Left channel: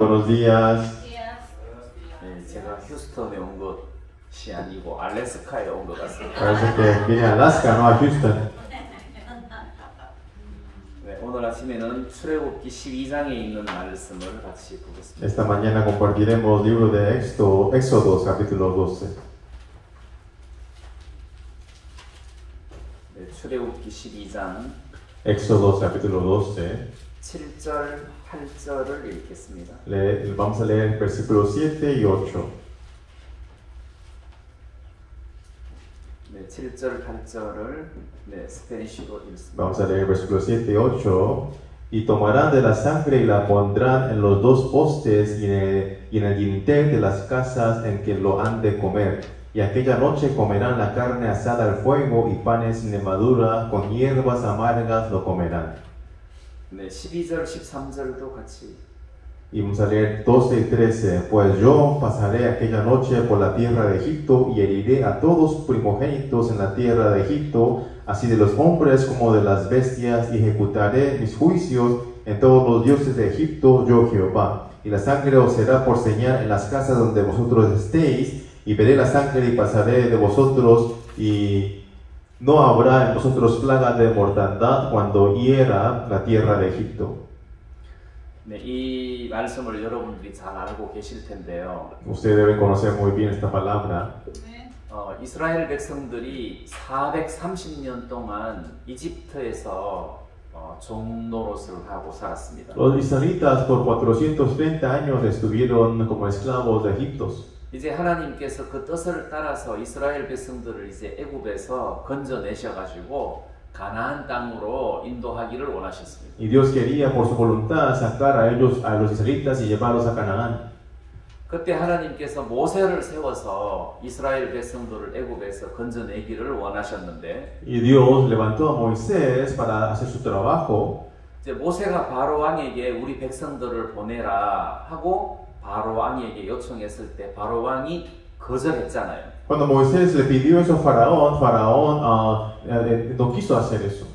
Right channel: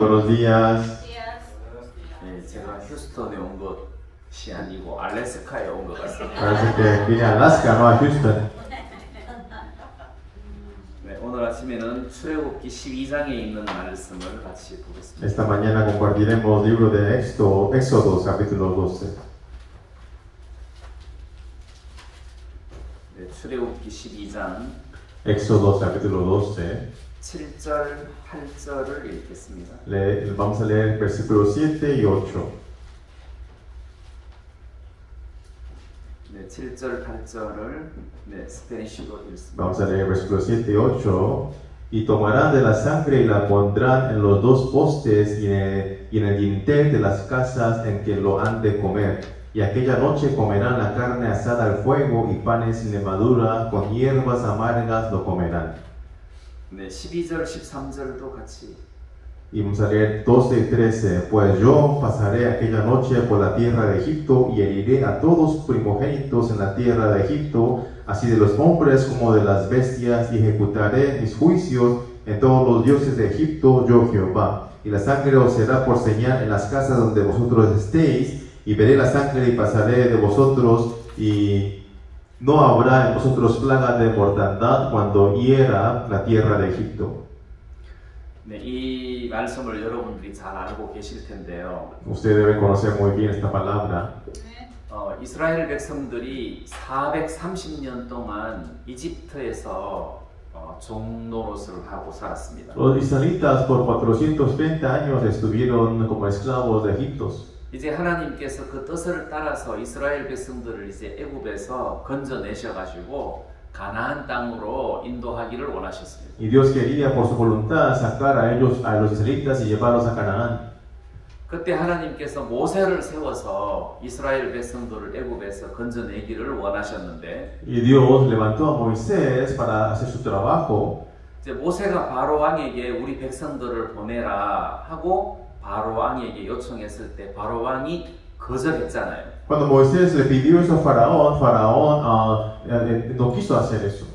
Buenos días. 네, 제가 휴스턴에 온 것이 아니고 알래스카에 온 것 같습니다. Parece que vine a Alaska, no a Houston. 네, 오늘 아침에는 출애굽기 12장에 있는 말씀을 같이 보겠습니다. Esta mañana compartiremos el libro de Éxodo, capítulo 12. 네, 출애굽기 12장 Éxodo, capítulo 12. 7절, 8절을 읽겠습니다. Vamos a leer versículos 7 y 8. 네, 7절, 8절을 스페니쉬로 읽습니다. Vamos a leer versículos 7 y 8. Y tomarán de la sangre y la pondrán en los dos postes y en el dintel de las casas en que lo han de comer. Y aquella noche comerán la carne asada al fuego y panes sin levadura, con hierbas amargas lo comerán. 네, 12절, 13절도 같이. Y vamos a leer 12 y 13. Pues yo pasaré aquella noche por la tierra de Egipto y heriré a todos primogénitos en la tierra de Egipto, así de los hombres como de las bestias, y ejecutaré mis juicios en todos los dioses de Egipto, yo Jehová. Y la sangre os será por señal en las casas donde vosotros estéis, y veré la sangre y pasaré de vosotros, y no habrá en vosotros plaga de mortandad cuando hiera la tierra de Egipto. 네, 이 말씀을 여러분들이 잘 알고 계실 텐데요. Usted debe conocer muy bien esta palabra. 이스라엘 백성들이 430년 동안 이집트에서 종노릇을 하고 살았습니다. Los israelitas por 420 años estuvieron como esclavos de Egipto. 이제 하나님께서 그 뜻을 따라서 이스라엘 백성들을 이제 애굽에서 건져내셔 가지고 가나안 땅으로 인도하기를 원하셨습니다. Y Dios quería por su voluntad sacar a ellos, a los israelitas y llevarlos a Canaán. 그때 하나님께서 모세를 세워서 이스라엘 백성들을 애굽에서 건져내기를 원하셨는데, Y Dios levantó a Moisés para hacer su trabajo. 이제 모세가 바로 왕에게 우리 백성들을 보내라 하고 바로 왕에게 요청했을 때 바로 왕이 거절했잖아요. Cuando Moisés le pidió eso a Faraón, no quiso hacer eso.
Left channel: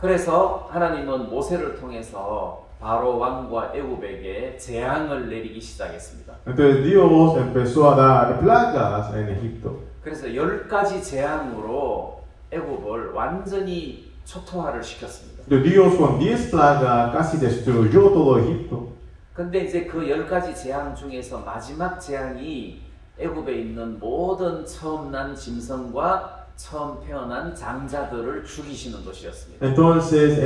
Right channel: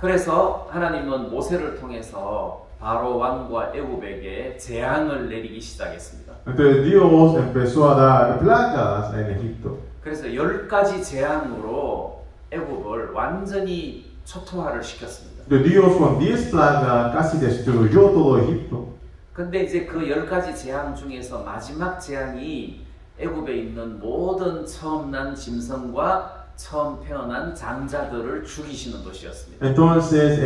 그래서 하나님은 모세를 통해서 바로 왕과 애굽에게 재앙을 내리기 시작했습니다. Entonces Dios empezó a dar plagas en Egipto. 그래서 10가지 재앙으로 애굽을 완전히 초토화를 시켰습니다. Dios con 10 plagas casi destruyó todo Egipto. 근데 이제 그 10가지 재앙 중에서 마지막 재앙이 애굽에 있는 모든 처음 난 짐승과 처음 태어난 장자들을 죽이시는 것이었습니다. Entonces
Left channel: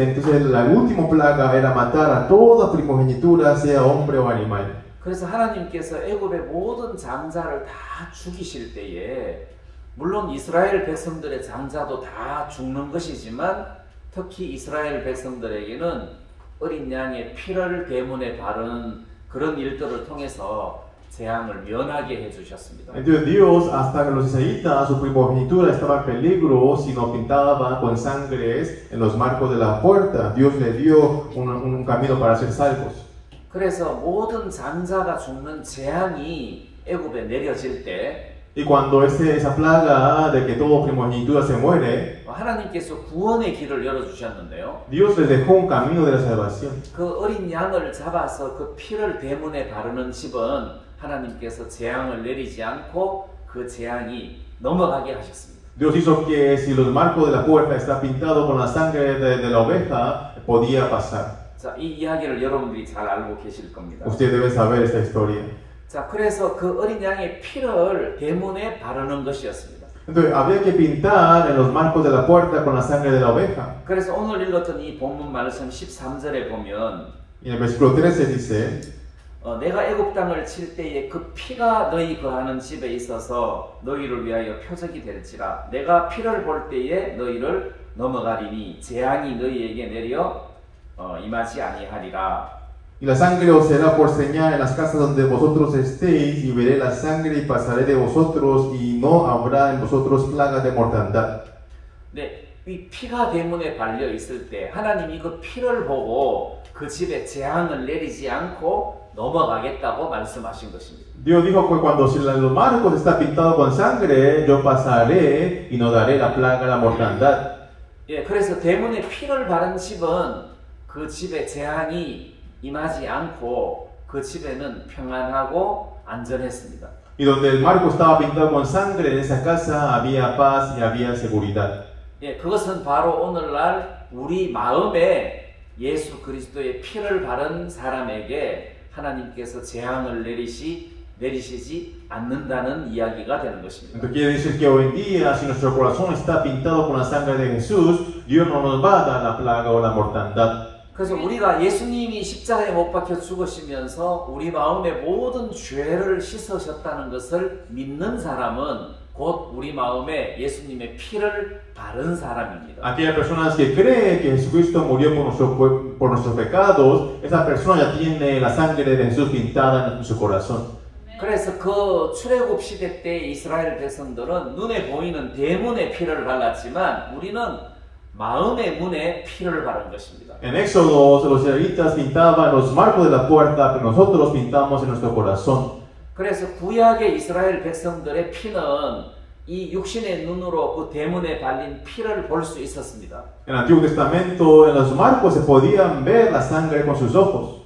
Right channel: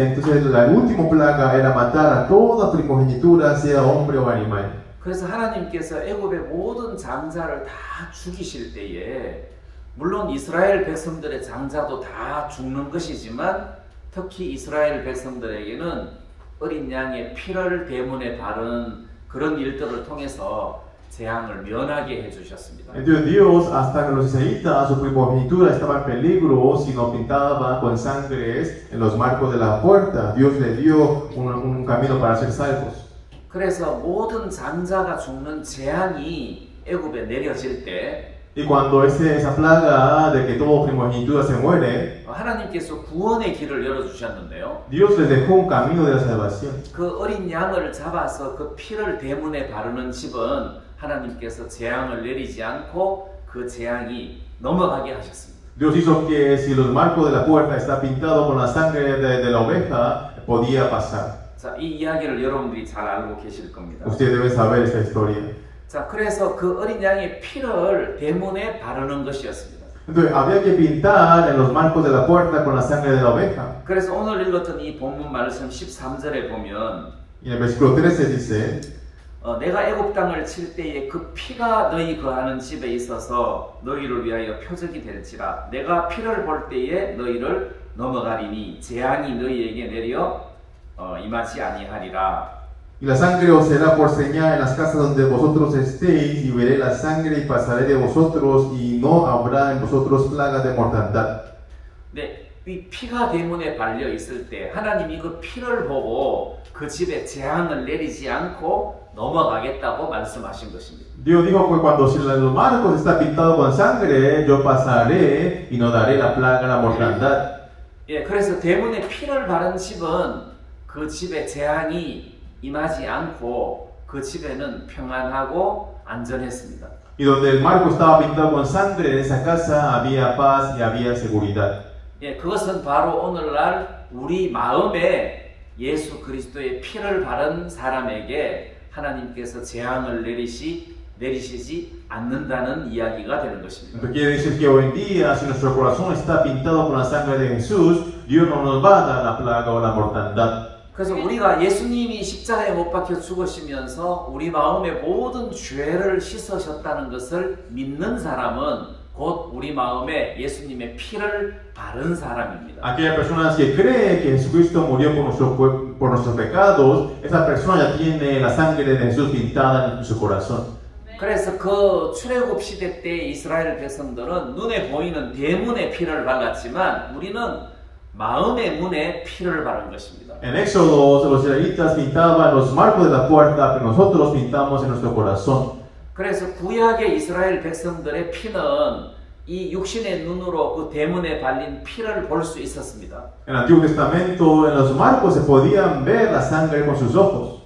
la última plaga era matar a toda primogenitura, sea hombre o animal. 그래서 하나님께서 애굽의 모든 장자를 다 죽이실 때에 물론 이스라엘 백성들의 장자도 다 죽는 것이지만 특히 이스라엘 백성들에게는 어린 양의 피를 대문에 바른 그런 일들을 통해서 재앙을 면하게 해주셨습니다. Entonces Dios, hasta que los israelitas, su primogenitura estaba en peligro si no pintaba con sangres en los marcos de la puerta, Dios le dio un camino para ser salvos. 그래서 모든 장자가 죽는 재앙이 애굽에 내려질 때 Y cuando esa plaga de que todo primogenitura se muere, 하나님께서 구원의 길을 열어주셨는데요. Dios les dejó un camino de la salvación. 그 어린 양을 잡아서 그 피를 대문에 바르는 집은 하나님께서 재앙을 내리지 않고 그 재앙이 넘어가게 하셨습니다. Dios hizo que si los marcos de la puerta está pintado con la sangre de la oveja, podía pasar. 자, 이 이야기를 여러분들이 잘 알고 계실 겁니다. Usted debe saber esta historia. 자, 그래서 그 어린 양의 피를 대문에 바르는 것이었습니다. Entonces había que pintar en los marcos de la puerta con la sangre de la oveja. 그래서 오늘 읽었던 이 본문 말씀 13절에 보면 Y en el versículo 13 dice, 내가 애굽 땅을 칠 때에 그 피가 너희 거하는 집에 있어서 너희를 위하여 표적이 될지라 내가 피를 볼 때에 너희를 넘어가리니 재앙이 너희에게 내려 임하지 아니하리라. y la sangre os será por señal en las casas donde vosotros estéis, y veré la sangre y pasaré de vosotros, y no habrá en vosotros plaga de mortandad. 네, 이 피가 대문에 발려 있을 때 하나님이 그 피를 보고 그 집에 재앙을 내리지 않고 넘어가겠다고 말씀하신 것입니다. Dios dijo que cuando si los marcos está pintado con sangre, yo pasaré y no daré la plaga, la mortandad. 예, 그래서 대문에 피를 바른 집은 그 집에 재앙이 임하지 않고 그 집에는 평안하고 안전했습니다. Y donde el marco estaba pintado con sangre, en esa casa había paz y había seguridad. 예, 그것은 바로 오늘날 우리 마음에 예수 그리스도의 피를 바른 사람에게 하나님께서 재앙을 내리시지 않는다는 이야기가 되는 것입니다. Esto quiere decir que hoy en día, si nuestro corazón está pintado con la sangre de Jesús, Dios no nos va a dar la plaga o la mortandad. 그래서 우리가 예수님이 십자가에 못 박혀 죽으시면서 우리 마음의 모든 죄를 씻으셨다는 것을 믿는 사람은 곧 우리 마음에 예수님의 피를 바른 사람입니다. Aquellas personas que creen que Jesucristo murió por nuestros pecados, esa persona ya tiene la sangre de Jesús pintada en su corazón. 그래서 그 출애굽 시대 때 이스라엘 백성들은 눈에 보이는 대문에 피를 발랐지만 우리는 마음의 문에 피를 바른 것입니다. En Éxodo, los israelitas pintaban los marcos de la puerta, pero nosotros pintamos en nuestro corazón. 그래서 구약의 이스라엘 백성들의 피는 이 육신의 눈으로 그 대문에 발린 피를 볼 수 있었습니다. En el Antiguo Testamento, en los marcos se podían ver la sangre con sus ojos.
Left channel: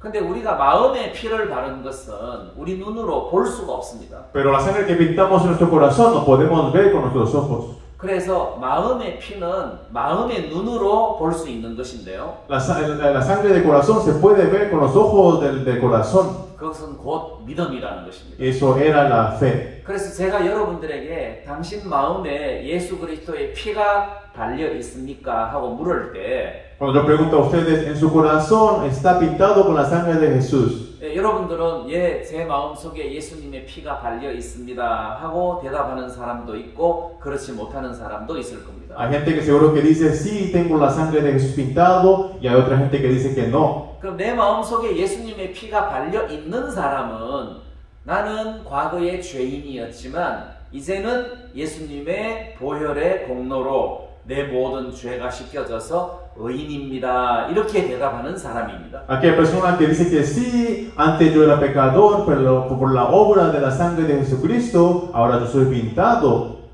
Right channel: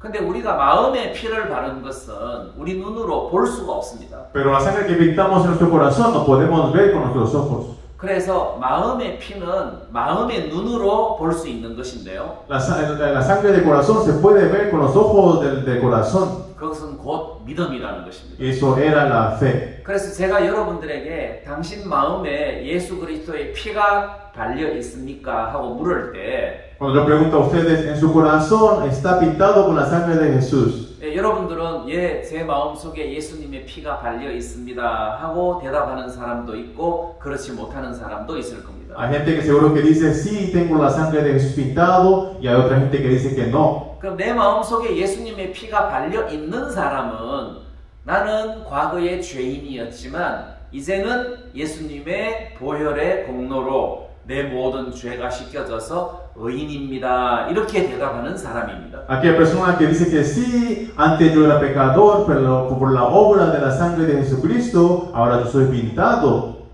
근데 우리가 마음의 피를 바른 것은 우리 눈으로 볼 수가 없습니다. Pero la sangre que pintamos en nuestro corazón no podemos ver con nuestros ojos. 그래서 마음의 피는 마음의 눈으로 볼 수 있는 것인데요. La sangre del corazón se puede ver con los ojos del corazón. 그것은 곧 믿음이라는 것입니다. Eso era la fe. 그래서 제가 여러분들에게 당신 마음에 예수 그리스도의 피가 발려 있습니까? 하고 물을 때 Cuando yo pregunto a ustedes, ¿en su corazón está pintado con la sangre de Jesús? 여러분들은 제 마음 속에 예수님의 피가 발려 있습니다 하고 대답하는 사람도 있고 그렇지 못하는 사람도 있을 겁니다. Hay gente que seguro que dice, sí, tengo la sangre de Jesús pintado, y hay otra gente que dice que no. 그럼 내 마음 속에 예수님의 피가 발려 있는 사람은 나는 과거의 죄인이었지만 이제는 예수님의 보혈의 공로로 내 모든 죄가 씻겨져서 의인입니다. 이렇게 대답하는 사람입니다. Aquella persona que dice que sí, antes yo era pecador, pero por la obra de la sangre de Jesucristo, ahora yo soy pintado.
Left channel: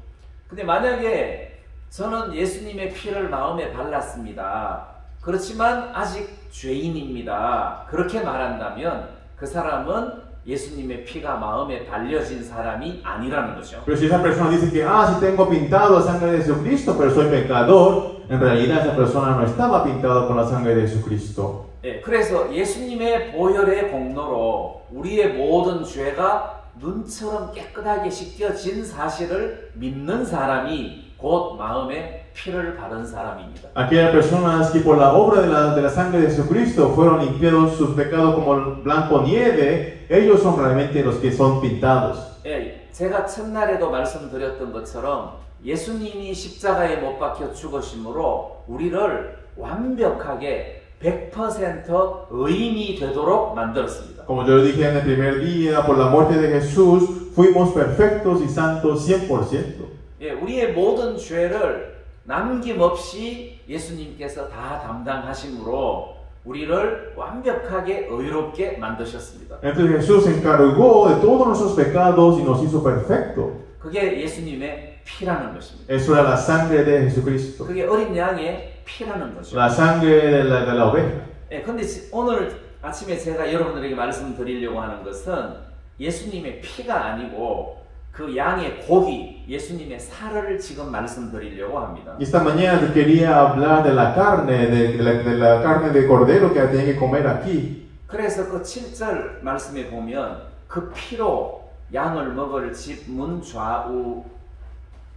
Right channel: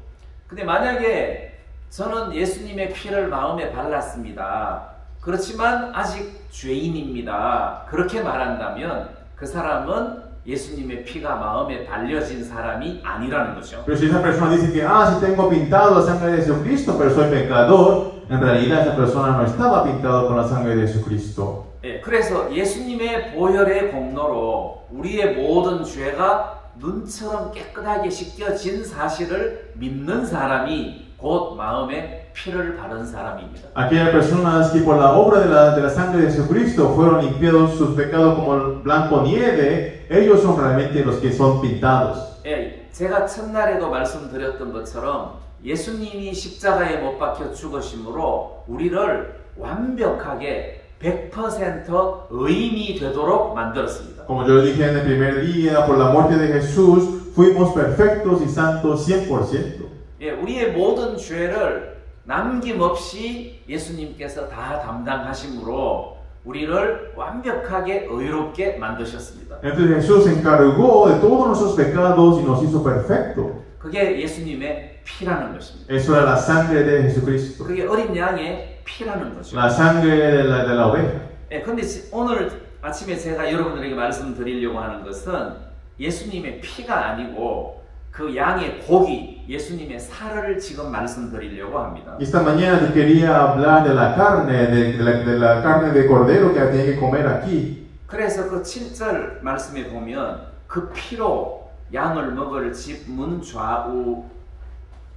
근데 만약에 저는 예수님의 피를 마음에 발랐습니다. 그렇지만 아직 죄인입니다. 그렇게 말한다면 그 사람은 예수님의 피가 마음에 발려진 사람이 아니라는 거죠. Pero si esa persona dice que, sí tengo pintado la sangre de Jesucristo, pero soy pecador, en realidad esa persona no estaba pintado con la sangre de Jesucristo. 예, 그래서 예수님의 보혈의 공로로 우리의 모든 죄가 눈처럼 깨끗하게 씻겨진 사실을 믿는 사람이 곧 마음에 피를 바른 사람입니다. Aquellas personas que por la obra de la sangre de Jesucristo fueron limpiados sus pecados como blanco nieve, ellos son realmente los que son pintados. 예, 제가 첫날에도 말씀드렸던 것처럼 예수님이 십자가에 못 박혀 죽으심으로 우리를 완벽하게 100% 의인이 되도록 만들었습니다. Como yo le dije en el primer día, por la muerte de Jesús fuimos perfectos y santos 100%. 예, 우리의 모든 죄를 남김없이 예수님께서 다 담당하심으로 우리를 완벽하게 의롭게 만드셨습니다. Entonces Jesús se encargó de todos nuestros pecados y nos hizo perfecto. 그게 예수님의 피라는 것입니다. Eso era la sangre de Jesucristo. 그게 어린 양의 피라는 거죠. La sangre de la oveja. 예, 근데 오늘 아침에 제가 여러분들에게 말씀드리려고 하는 것은 예수님의 피가 아니고 그 양의 고기, 예수님의 살을 지금 말씀드리려고 합니다. Esta mañana yo quería hablar de la carne, de la carne de cordero que tenía que comer aquí. 그래서 그 7절 말씀에 보면 그 피로 양을 먹을 집 문 좌우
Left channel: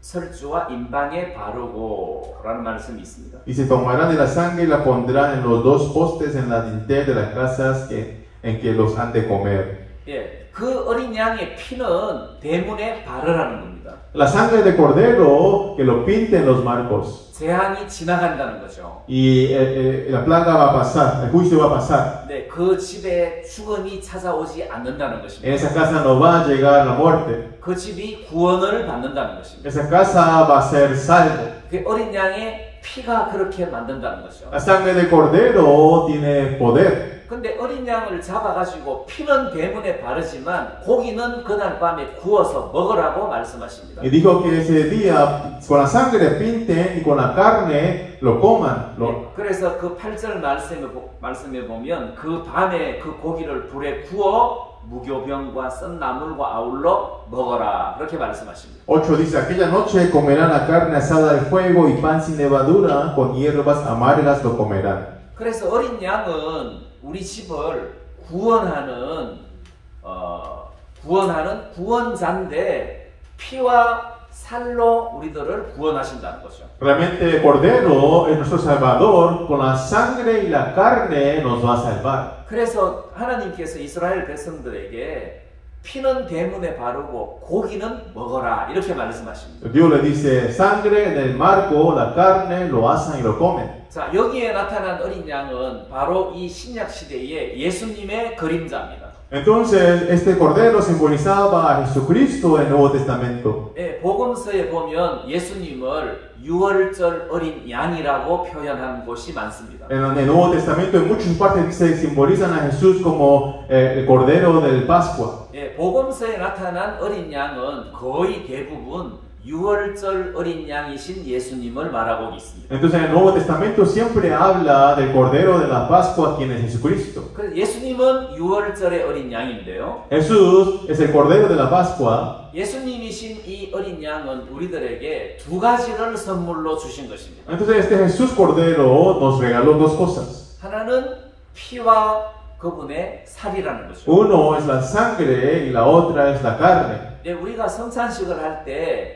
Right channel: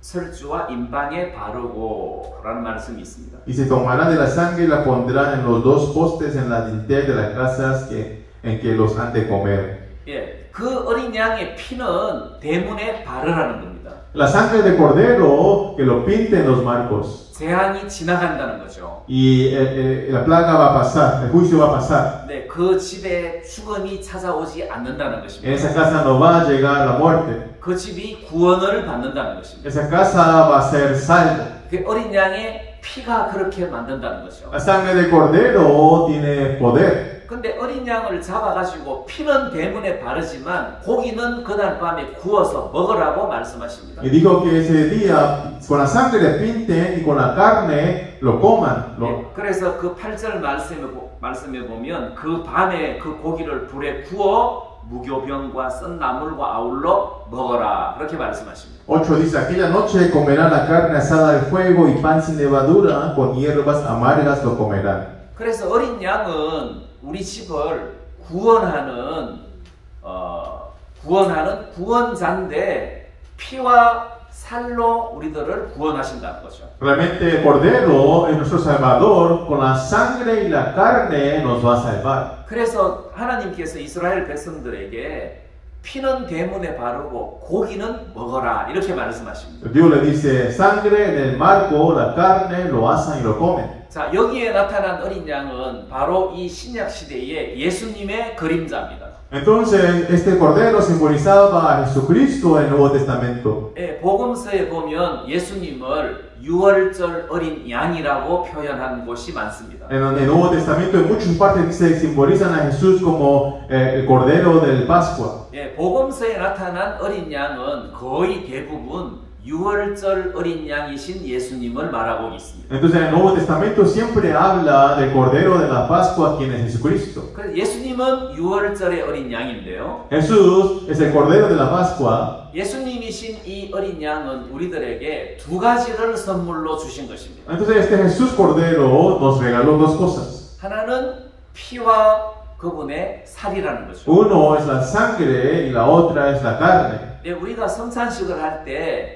설주와 임방에 바르고 라는 말씀이 있습니다. Y se tomarán de la sangre y la pondrán en los dos postes en la dintel de las casas en que los han de comer. 예, 그 어린 양의 피는 대문에 바르라는 겁니다. La sangre de cordero que lo pinten los marcos. 재앙이 지나간다는 거죠. Y la plaga va a pasar, el juicio va a pasar. 네, 그 집에 죽음이 찾아오지 않는다는 것입니다. En esa casa no va a llegar la muerte. 그 집이 구원을 받는다는 것입니다. Esa casa va a ser salvo. 그 어린 양의 피가 그렇게 만든다는 거죠. La sangre de cordero tiene poder. 근데 어린 양을 잡아가지고 피는 대문에 바르지만 고기는 그날 밤에 구워서 먹으라고 말씀하십니다. Y dijo que ese día con la sangre pinten y con la carne lo coman. 네, 그래서 그 8절 말씀에 보면 그 밤에 그 고기를 불에 구워 무교병과 썬 나물과 아울러 먹어라 그렇게 말씀하십니다. 8 dice, aquella noche comerán la carne asada al fuego y pan sin levadura, con hierbas amargas lo comerán. 그래서 어린 양은 우리 집을 구원하는 구원자인데 피와 살로 우리들을 구원하신다는 거죠. Realmente el Cordero es nuestro Salvador, con la sangre y la carne nos va a salvar. 그래서 하나님께서 이스라엘 백성들에게 피는 대문에 바르고 고기는 먹어라 이렇게 말씀하십니다. Dios le dice, sangre en el marco, la carne, lo asan y lo comen. 자, 여기에 나타난 어린 양은 바로 이 신약 시대의 예수님의 그림자입니다. Entonces, este Cordero simbolizaba a Jesucristo en el Nuevo Testamento. 예, 복음서에 보면 예수님을 유월절 어린 양이라고 표현한 곳이 많습니다. En el Nuevo Testamento, en muchas partes dice que simbolizan a Jesús como el Cordero del Pascua. 예, 복음서에 나타난 어린 양은 거의 대부분 유월절 어린 양이신 예수님을 말하고 있습니다. Entonces, en el Nuevo Testamento siempre habla del Cordero de la Pascua, quien es Jesucristo. 그래서 예수님은 유월절의 어린 양인데요. Jesús es el Cordero de la Pascua. 예수님이신 이 어린 양은 우리들에게 두 가지를 선물로 주신 것입니다. Entonces, este Jesús Cordero nos regaló dos cosas. 하나는 피와 그분의 살이라는 거죠. Uno es la sangre y la otra es la carne. 네, 우리가 성찬식을 할 때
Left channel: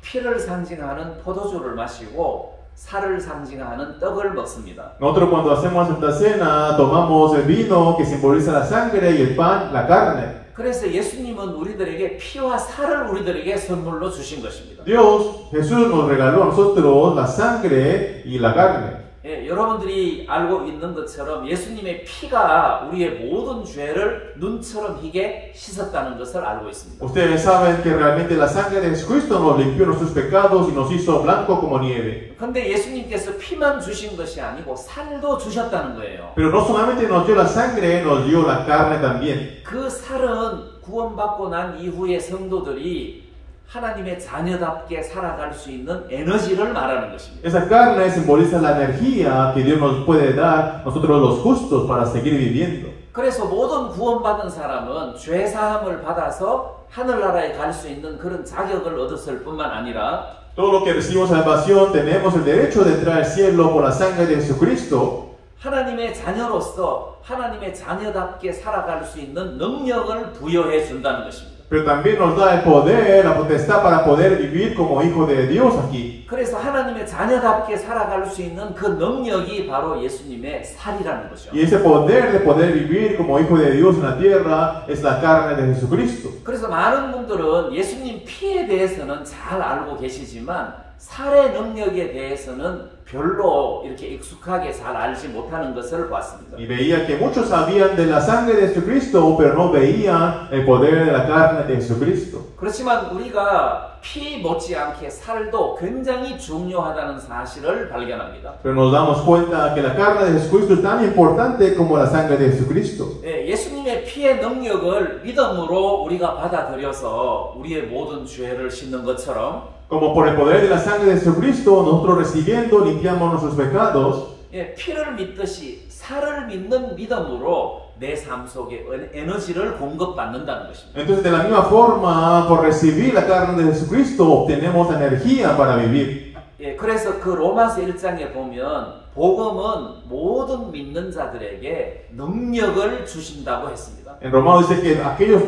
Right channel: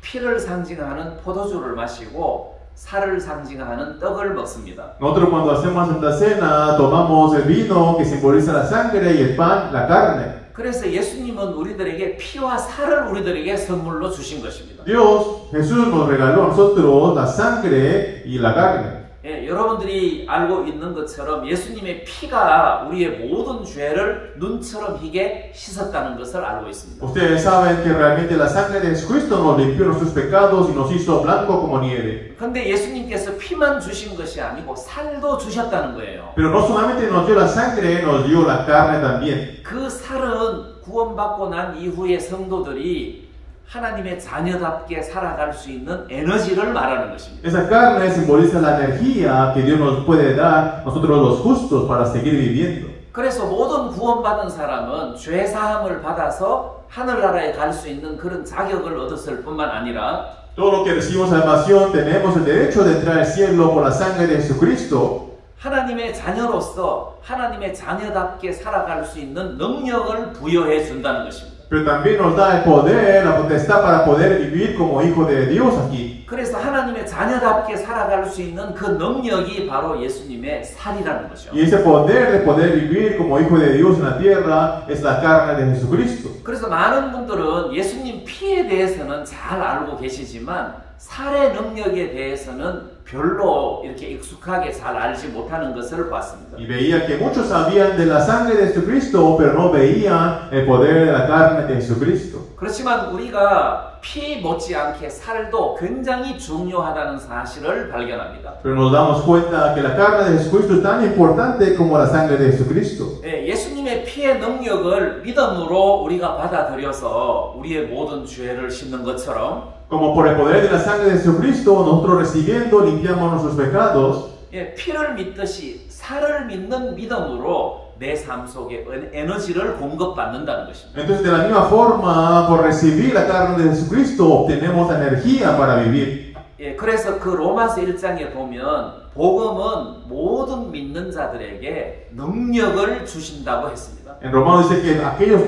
피를 상징하는 포도주를 마시고 살을 상징하는 떡을 먹습니다. Nosotros cuando hacemos Santa Cena tomamos el vino que simboliza la sangre y el pan, la carne. 그래서 예수님은 우리들에게 피와 살을 우리들에게 선물로 주신 것입니다. Dios, Jesús nos regaló a nosotros la sangre y la carne. 예, 여러분들이 알고 있는 것처럼 예수님의 피가 우리의 모든 죄를 눈처럼 희게 씻었다는 것을 알고 있습니다. Ustedes saben que realmente la sangre de Jesucristo nos limpió nuestros pecados y nos hizo blanco como nieve. 그런데 예수님께서 피만 주신 것이 아니고 살도 주셨다는 거예요. Pero no solamente nos dio la sangre, nos dio la carne también. 그 살은 구원받고 난 이후에 성도들이 하나님의 자녀답게 살아갈 수 있는 에너지를 말하는 것입니다. Esa carne simboliza la energía que Dios nos puede dar nosotros los justos para seguir viviendo. 그래서 모든 구원받은 사람은 죄 사함을 받아서 하늘나라에 갈 수 있는 그런 자격을 얻었을 뿐만 아니라 Todos los que recibimos salvación tenemos el derecho de entrar al cielo por la sangre de Jesucristo. 하나님의 자녀로서 하나님의 자녀답게 살아갈 수 있는 능력을 부여해 준다는 것입니다. Pero también nos da el poder, la potestad para poder vivir como hijo de Dios aquí. 그래서 하나님의 자녀답게 살아갈 수 있는 그 능력이 바로 예수님의 살이라는 거죠. Y ese poder de poder vivir como hijo de Dios en la tierra es la carne de Jesucristo. 그래서 많은 분들은 예수님 피에 대해서는 잘 알고 계시지만 살의 능력에 대해서는 별로 이렇게 익숙하게 잘 알지 못하는 것을 봤습니다. Y veía que muchos sabían de la sangre de Jesucristo, pero no veían el poder de la carne de Jesucristo. 그렇지만 우리가 피 못지않게 살도 굉장히 중요하다는 사실을 발견합니다. Pero nos damos cuenta que la carne de Jesucristo es tan importante como la sangre de Jesucristo. 예수님의 피의 능력을 믿음으로 우리가 받아들여서 우리의 모든 죄를 씻는 것처럼 Como por el poder de la sangre de Jesucristo, nosotros recibiendo limpiamos nuestros pecados. 피를 믿듯이 살을 믿는 믿음으로 내 삶 속에 에너지를 공급받는다는 것입니다. Entonces, de la misma forma, por recibir la carne de Jesucristo, obtenemos energía para vivir. 그래서 그 로마서 1장에 보면 복음은 모든 믿는 자들에게 능력을 주신다고 했습니다. En Romanos dice que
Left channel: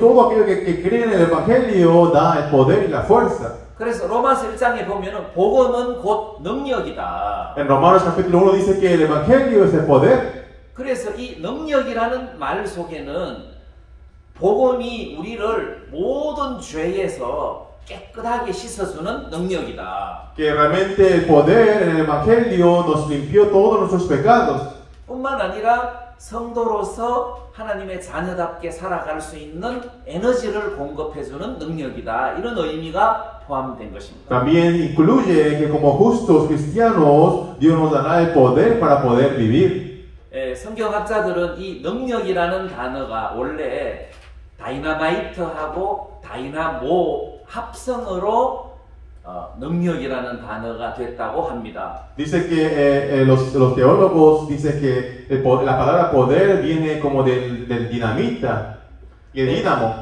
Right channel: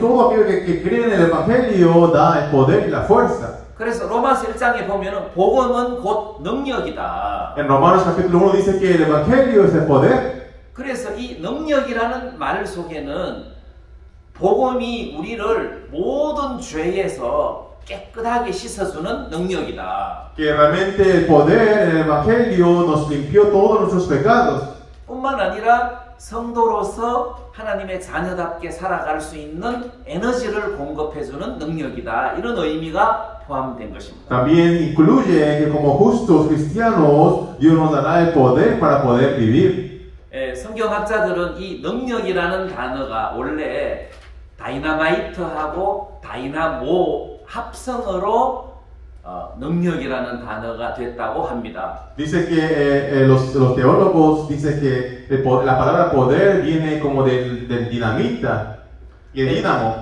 todo aquello que creen en el Evangelio da el poder y la fuerza. 그래서 로마서 1장에 보면은 복음은 곧 능력이다. En Romanos capítulo 1 dice que el Evangelio es el poder. 그래서 이 능력이라는 말 속에는 복음이 우리를 모든 죄에서 깨끗하게 씻어주는 능력이다. Que realmente el poder en el Evangelio nos limpió todos nuestros pecados. 뿐만 아니라 성도로서 하나님의 자녀답게 살아갈 수 있는 에너지를 공급해주는 능력이다. 이런 의미가 포함된 것입니다. También incluye que como justos cristianos Dios nos dará el poder para poder vivir. 성경학자들은 이 능력이라는 단어가 원래 다이나마이트하고 다이나모 합성어로 능력이라는 단어가 됐다고 합니다. Dice que los teólogos dicen que la palabra poder viene como del dinamita y el dínamo.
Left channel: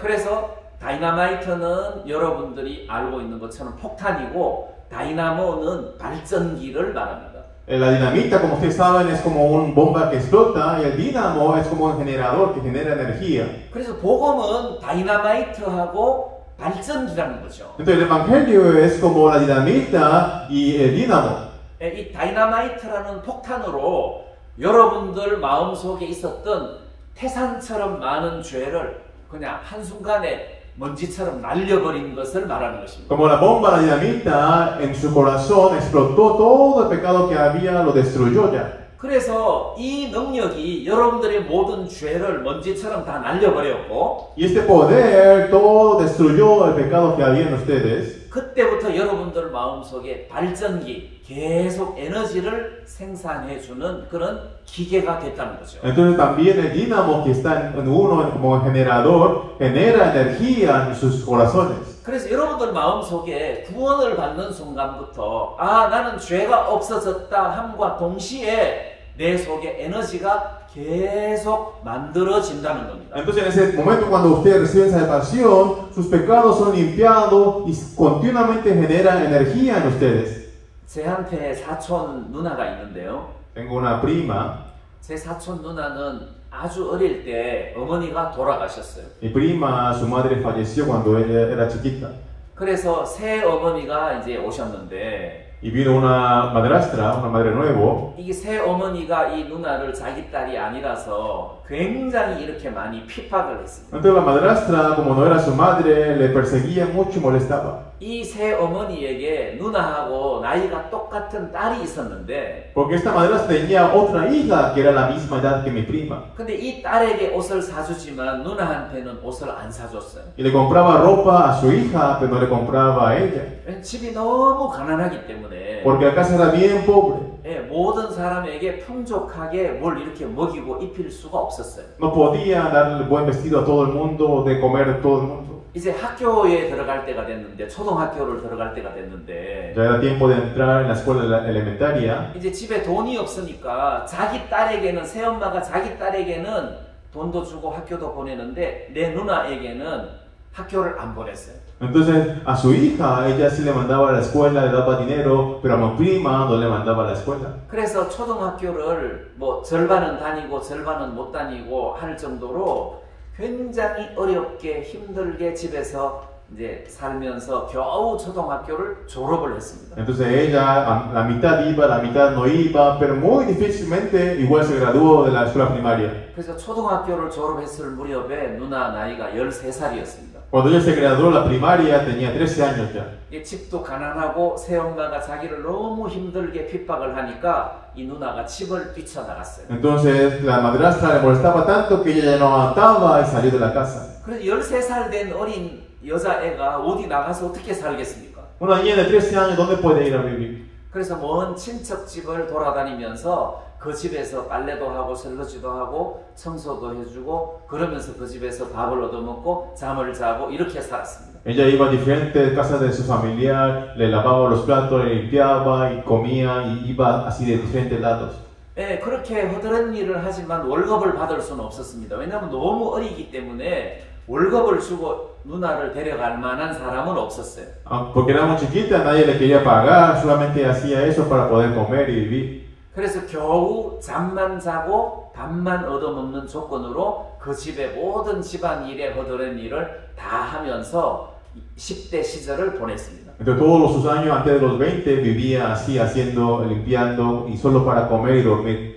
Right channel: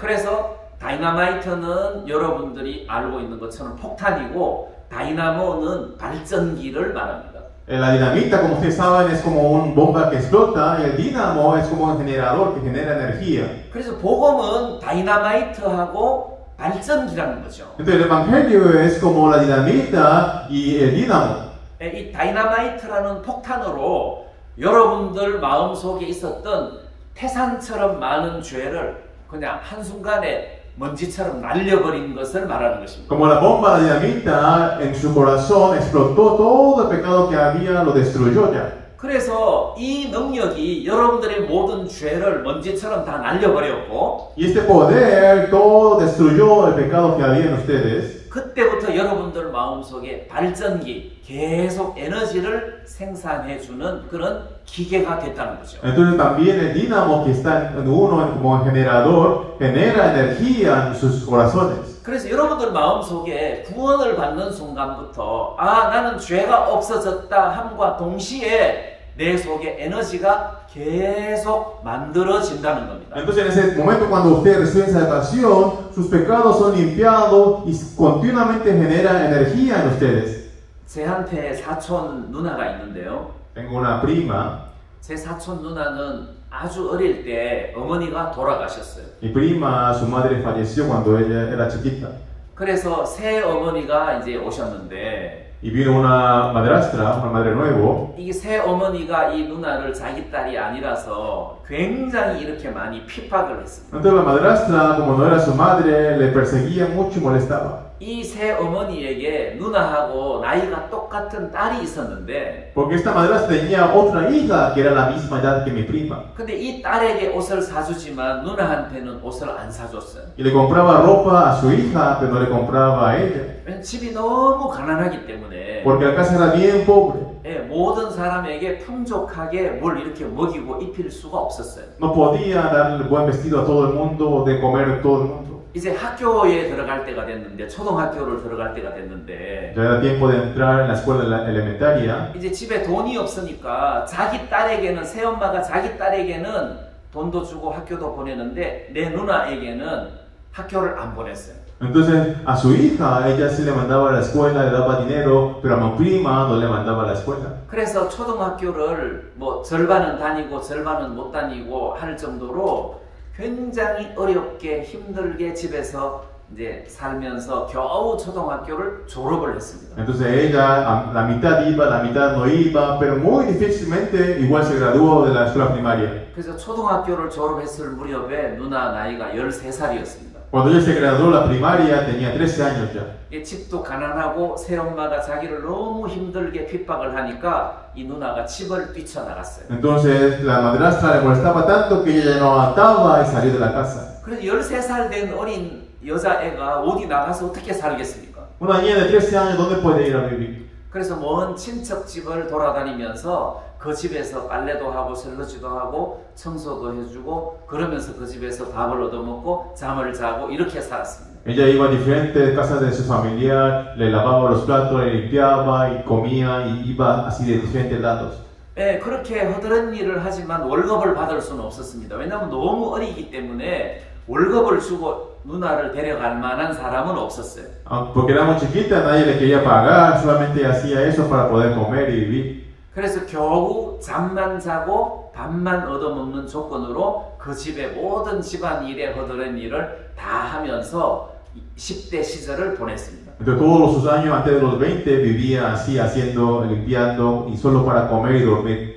그래서 다이나마이트는 여러분들이 알고 있는 것처럼 폭탄이고 다이나모는 발전기를 말합니다. La dinamita, como ustedes saben, es como una bomba que explota y el dínamo es como un generador que genera energía. 그래서 복음은 다이나마이트하고 발전기라는 거죠. Entonces el evangelio es como la dinamita y el dínamo. 이 다이나마이트라는 폭탄으로 여러분들 마음속에 있었던 태산처럼 많은 죄를 그냥 한순간에 먼지처럼 날려버린 것을 말하는 것입니다. Como la bomba de dinamita en su corazón explotó todo el pecado que había, lo destruyó ya. 그래서 이 능력이 여러분들의 모든 죄를 먼지처럼 다 날려버렸고 Y este poder todo destruyó el pecado que había en ustedes. 그때부터 여러분들 마음속에 발전기, 계속 에너지를 생산해주는 그런 기계가 됐다는 거죠. Entonces también el dínamo que está en uno como generador genera energía en sus corazones. 그래서 여러분들 마음속에 구원을 받는 순간부터 나는 죄가 없어졌다 함과 동시에 내 속에 에너지가 계속 만들어진다는 겁니다. Entonces en ese momento cuando ustedes reciben salvación, sus pecados son limpiados y continuamente genera energía en ustedes. 제한테 사촌 누나가 있는데요. Tengo una prima. 제 사촌 누나는 아주 어릴 때 어머니가 돌아가셨어요. Mi prima, su madre falleció cuando ella era chiquita. 그래서 새 어머니가 이제 오셨는데 Y vino una madrastra, una madre nuevo. 이게 새 어머니가 이 누나를 자기 딸이 아니라서 굉장히 이렇게 많이 핍박을 했습니다. Entonces la madrastra, como no era su madre, le perseguía mucho y molestaba. 이 새 어머니에게 누나하고 나이가 똑같은 딸이 있었는데 Porque esta madrastra tenía otra hija que era la misma edad que mi prima. 근데 이 딸에게 옷을 사주지만 누나한테는 옷을 안 사줬어요. Y le compraba ropa a su hija, pero no le compraba a ella. 집이 너무 가난하기 때문에 Porque la casa era bien pobre. 모든 사람에게 풍족하게 뭘 이렇게 먹이고 입힐 수가 없었어요. No podía darle buen vestido a todo el mundo, de comer a todo el mundo. 이제 학교에 들어갈 때가 됐는데 초등학교를 들어갈 때가 됐는데 Ya era tiempo de entrar en la escuela elementaria. 이제 집에 돈이 없으니까 자기 딸에게는 새엄마가 자기 딸에게는 돈도 주고 학교도 보내는데 내 누나에게는 학교를 안 보냈어요. Entonces a su hija ella sí le mandaba a la escuela, le daba dinero, pero a mi prima no le mandaba a la escuela. 그래서 초등학교를 뭐 절반은 다니고 절반은 못 다니고 할 정도로 굉장히 어렵게 힘들게 집에서 이제 살면서 겨우 초등학교를 졸업을 했습니다. Entonces ella la mitad iba, la mitad no iba, pero muy difícilmente igual se graduó de la escuela primaria. 그래서 초등학교를 졸업했을 무렵에 누나 나이가 13살이었습니다. Cuando ella se graduó la primaria tenía 13 años ya. 집도 가난하고 새엄마가 자기를 너무 힘들게 핍박을 하니까 이 누나가 집을 뛰쳐나갔어요. Entonces la madrastra le molestaba tanto que ella ya no aguantaba y salió de la casa. 그래서 13살 된 어린 여자애가 어디 나가서 어떻게 살겠습니까? Una niña de 13 años, ¿dónde puede ir a vivir? 그래서 먼 친척 집을 돌아다니면서 그 집에서 빨래도 하고 설거지도 하고 청소도 해주고 그러면서 그 집에서 밥을 얻어먹고 잠을 자고 이렇게 살았습니다. Ella iba a diferentes casas de su familiar, le lavaba los platos, le limpiaba y comía y iba así de diferentes lados. 그렇게 허드렛 일을 하지만 월급을 받을 수는 없었습니다. 왜냐하면 너무 어리기 때문에 월급을 주고 누나를 데려갈 만한 사람은 없었어요. Porque era muy chiquita, nadie le quería pagar, solamente hacía eso para poder comer y vivir. 그래서 겨우 잠만 자고 밥만 얻어먹는 조건으로 그 집의 모든 집안일의 허드렛 일을 다 하면서 10대 시절을 보냈습니다. Entonces todos sus años antes de los 20 vivía así, haciendo, limpiando y solo para comer y dormir.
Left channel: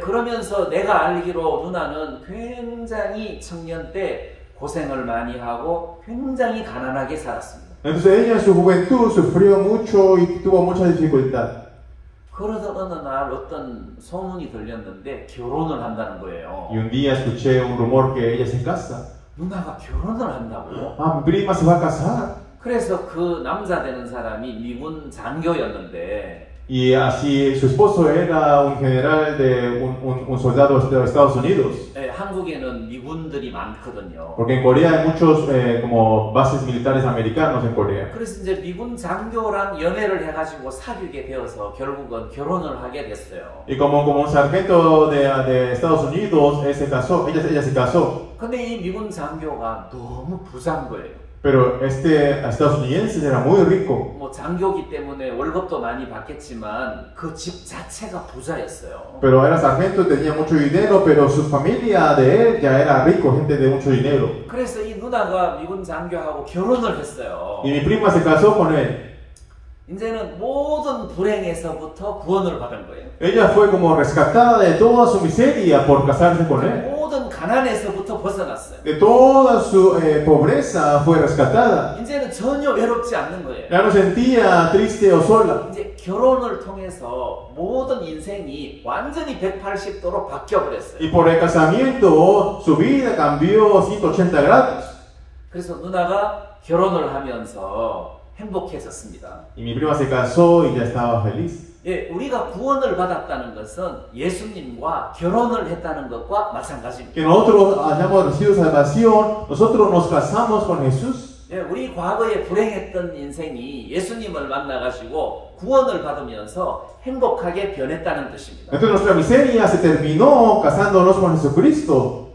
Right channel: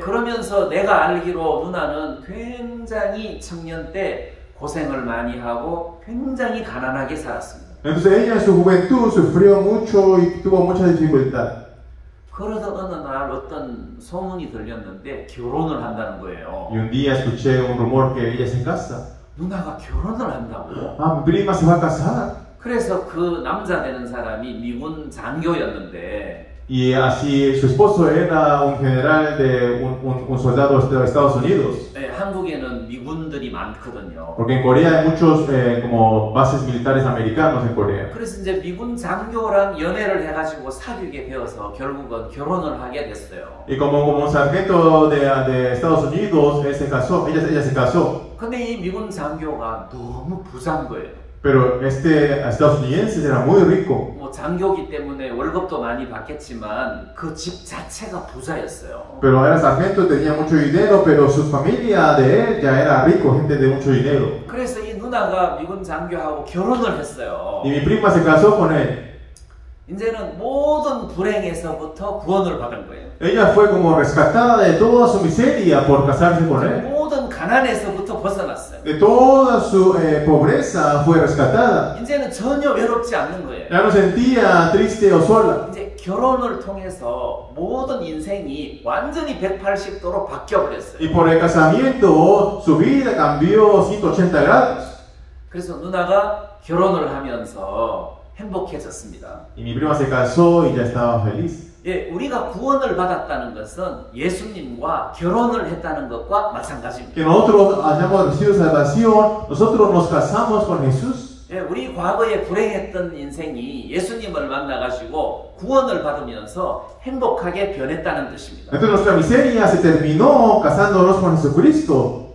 그러면서 내가 알기로 누나는 굉장히 청년 때 고생을 많이 하고 굉장히 가난하게 살았습니다. Entonces ella en su juventud sufrió mucho y tuvo mucha dificultad. 그러던 어느 날 어떤 소문이 들렸는데 결혼을 한다는 거예요. Y un día escuché un rumor que ella se casa. 누나가 결혼을 한다고요? Mi prima se va a casar. 그래서 그 남자 되는 사람이 미군 장교였는데 Y así su esposo era un general de un soldado de Estados Unidos. 예, 한국에는 미군들이 많거든요. Porque en Corea hay muchos como bases militares americanos en Corea. 그래서 이제 미군 장교랑 연애를 해가지고 사귀게 되어서 결국은 결혼을 하게 됐어요. Y como un sargento de Estados Unidos, él se casó, ella se casó. 근데 이 미군 장교가 너무 부자인 거예요. Pero este estadounidense era muy rico. 뭐 장교기 때문에 월급도 많이 받겠지만 그 집 자체가 부자였어요. Pero era sargento, tenía mucho dinero, pero su familia de él ya era rico, gente de mucho dinero. 그래서 이 누나가 미군 장교하고 결혼을 했어요. Y mi prima se casó con él. 이제는 모든 불행에서부터 구원을 받은 거예요. Ella fue como rescatada de toda su miseria por casarse con él. 모든 가난에서부터 벗어났어요. De toda su pobreza fue rescatada. 이제는 전혀 외롭지 않는 거예요. Ya no sentía triste o sola. 이제 결혼을 통해서 모든 인생이 완전히 180도로 바뀌어버렸어요. Y por el casamiento su vida cambió 180 grados. 그래서 누나가 결혼을 하면서 행복해졌습니다. Y mi prima se casó y ya estaba feliz. 예, 우리가 구원을 받았다는 것은 예수님과 결혼을 했다는 것과 마찬가지입니다. Que nosotros hayamos recibido salvación, nosotros nos casamos con Jesús. 예, 우리 과거에 불행했던 인생이 예수님을 만나가지고 구원을 받으면서 행복하게 변했다는 뜻입니다. Entonces nuestra miseria se terminó casándonos con Jesucristo.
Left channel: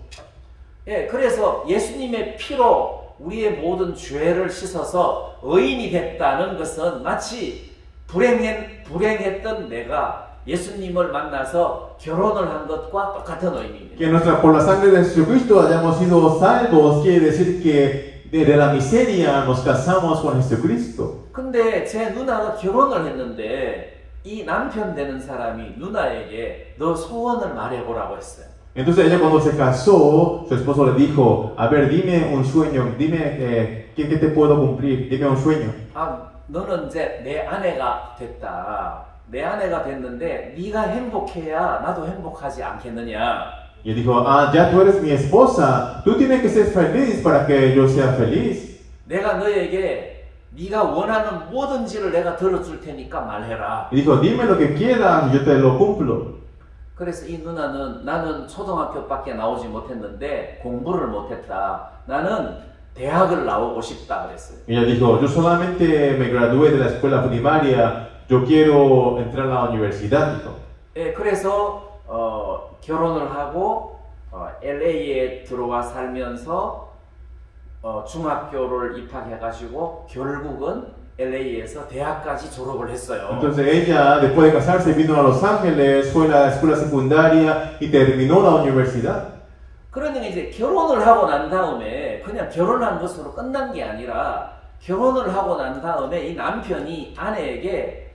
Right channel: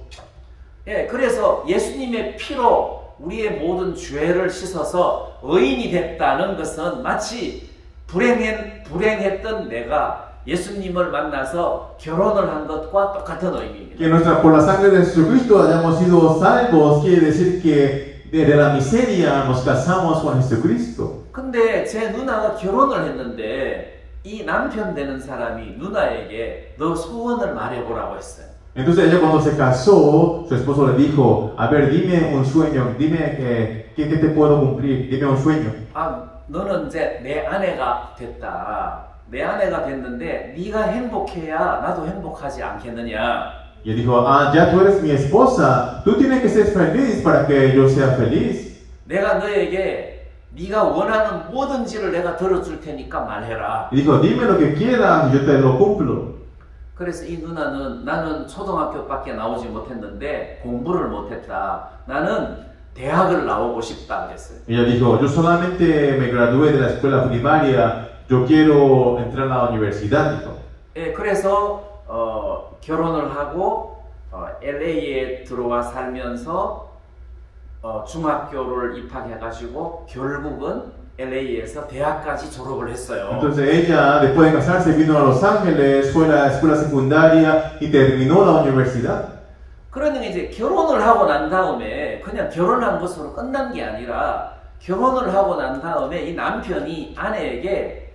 예, 그래서 예수님의 피로 우리의 모든 죄를 씻어서 의인이 됐다는 것은 마치 불행했던 내가 예수님을 만나서 결혼을 한 것과 똑같은 의미입니다. Que por la sangre de Jesucristo hayamos sido salvos quiere decir que de la miseria nos casamos con Jesucristo. 근데 제 누나가 결혼을 했는데 이 남편 되는 사람이 누나에게 너 소원을 말해보라고 했어요. Entonces ella cuando se casó, su esposo le dijo, a ver, dime un sueño, dime qué te puedo cumplir, dime un sueño. 아, 너는 이제 내 아내가 됐다. 내 아내가 됐는데 네가 행복해야 나도 행복하지 않겠느냐. Y él dijo, ah, ya tú eres mi esposa, tú tienes que ser feliz para que yo sea feliz. 내가 너에게 네가 원하는 뭐든지를 내가 들어줄 테니까 말해라. Y dijo, dime lo que quieras y yo te lo cumplo. 그래서 이 누나는 나는 초등학교밖에 나오지 못했는데 공부를 못했다. 나는 대학을 나오고 싶다 그랬어요. Ella dijo, yo solamente me gradué de la escuela primaria, yo quiero entrar a la universidad. Dijo. 예, 그래서 결혼을 하고 LA에 들어와 살면서 중학교를 입학해가지고 결국은 LA에서 대학까지 졸업을 했어요. Entonces ella, después de casarse, vino a Los Ángeles, fue a la escuela secundaria y terminó la universidad. 그러니까 이제 결혼을 하고 난 다음에 그냥 결혼한 것으로 끝난 게 아니라 결혼을 하고 난 다음에 이 남편이 아내에게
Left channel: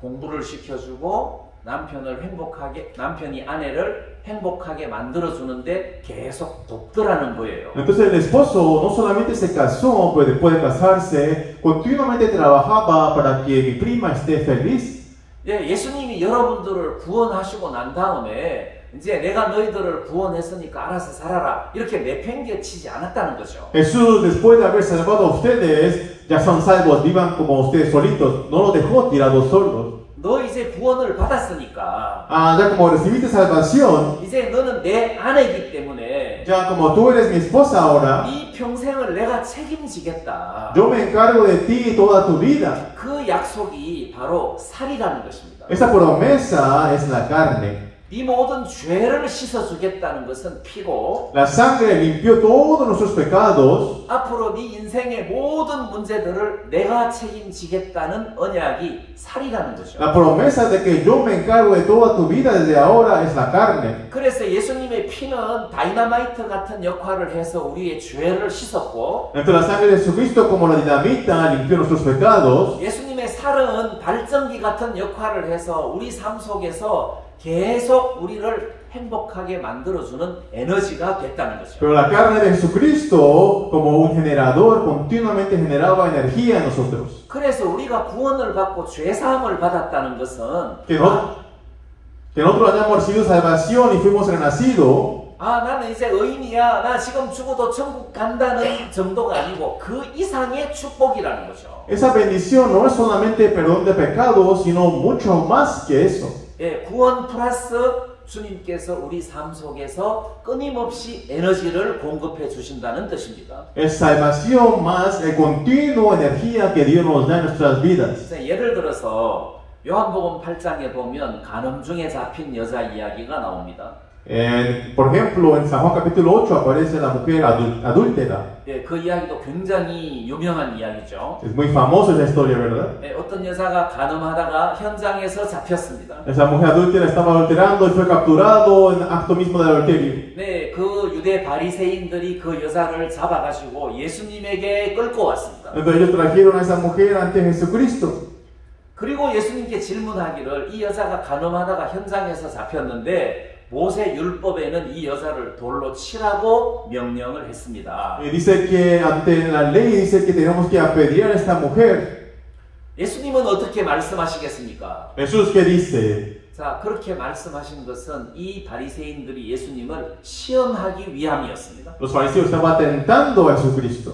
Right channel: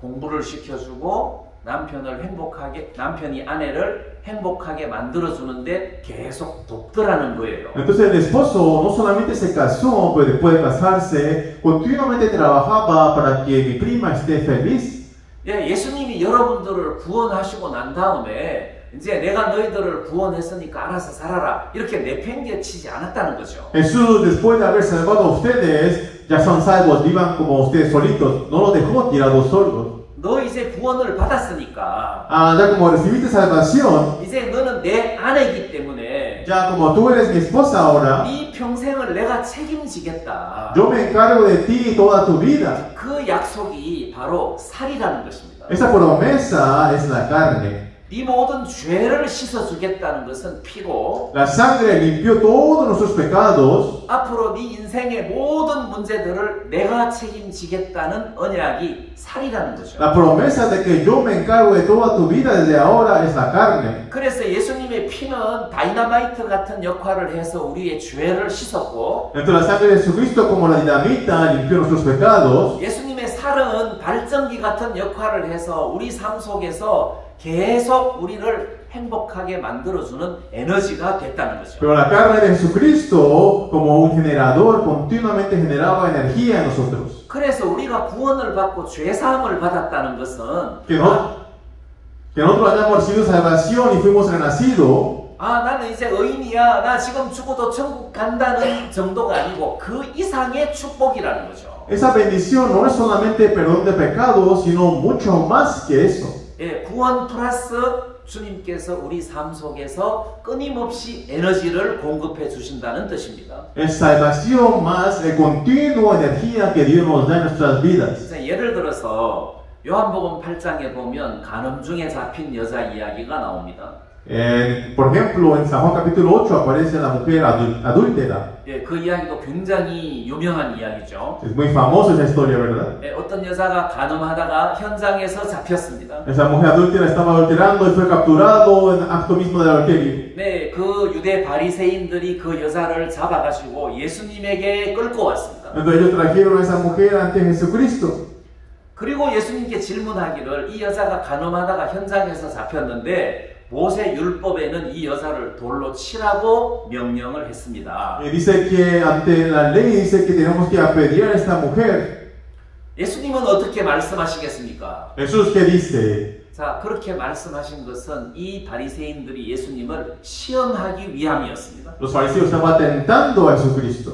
공부를 시켜주고 남편이 아내를 행복하게 만들어주는데 계속 돕더라는 거예요. Entonces el esposo no solamente se casó, pero después de casarse, continuamente trabajaba para que mi prima esté feliz. 예, 예수님이 여러분들을 구원하시고 난 다음에 이제 내가 너희들을 구원했으니까 알아서 살아라 이렇게 내팽개치지 않았다는 거죠. Jesús, después de haber salvado a ustedes, ya son salvos, vivan como ustedes solitos. No los dejó tirados solos. 너 이제 구원을 받았으니까 Ah, ya como recibiste salvación, 이제 너는 내 아내이기 때문에 ya como tú eres mi esposa ahora, 네 평생을 내가 책임지겠다. yo me encargo de ti toda tu vida. 그 약속이 바로 살이라는 것입니다. Esa promesa es la carne. 네 모든 죄를 씻어주겠다는 것은 피고 La sangre limpió todos nuestros pecados. 앞으로 네 인생의 모든 문제들을 내가 책임지겠다는 언약이 살이라는 거죠. La promesa de que yo me encargo de toda tu vida desde ahora es la carne. 그래서 예수님의 피는 다이너마이트 같은 역할을 해서 우리의 죄를 씻었고 Entonces la sangre de Jesucristo como la dinamita limpió nuestros pecados. 예수님의 살은 발전기 같은 역할을 해서 우리 삶 속에서 계속 우리를 행복하게 만들어주는 에너지가 됐다는 거죠. Pero la carne de Jesucristo, como un generador, continuamente generaba energía en nosotros. 그래서 우리가 구원을 받고 죄사함을 받았다는 것은 Que nosotros hayamos recibido salvación y fuimos renacidos. 아, 나는 이제 의인이야. 나 지금 죽어도 천국 간다는 정도가 아니고 그 이상의 축복이라는 거죠. Esa bendición no es solamente perdón de pecados, sino mucho más que eso. 예, 구원 플러스 주님께서 우리 삶 속에서 끊임없이 에너지를 공급해 주신다는 뜻입니다. Es salvación más el continuo energía que Dios nos da en nuestras vidas. 예를 들어서 요한복음 8장에 보면 간음 중에 잡힌 여자 이야기가 나옵니다. Por ejemplo, en San Juan capítulo 8 aparece la mujer adúltera. 예, 그 이야기도 굉장히 유명한 이야기죠. Es muy famosa esa historia, ¿verdad? 예, 어떤 여자가 간음하다가 현장에서 잡혔습니다. Esa mujer adúltera estaba adulterando y fue capturado en acto mismo del adulterio. 네, 그 유대 바리새인들이 그 여자를 잡아가지고 예수님에게 끌고 왔습니다. Entonces ellos trajeron a esa mujer ante Jesucristo. 그리고 예수님께 질문하기를 이 여자가 간음하다가 현장에서 잡혔는데 모세 율법에는 이 여자를 돌로 치라고 명령을 했습니다. Dice que ante la ley dice que tenemos que apedrear a esta mujer. 예수님은 어떻게 말씀하시겠습니까? Jesús qué dice? 자, 그렇게 말씀하신 것은 이 바리새인들이 예수님을 시험하기 위함이었습니다. Los fariseos estaban tentando a Jesucristo.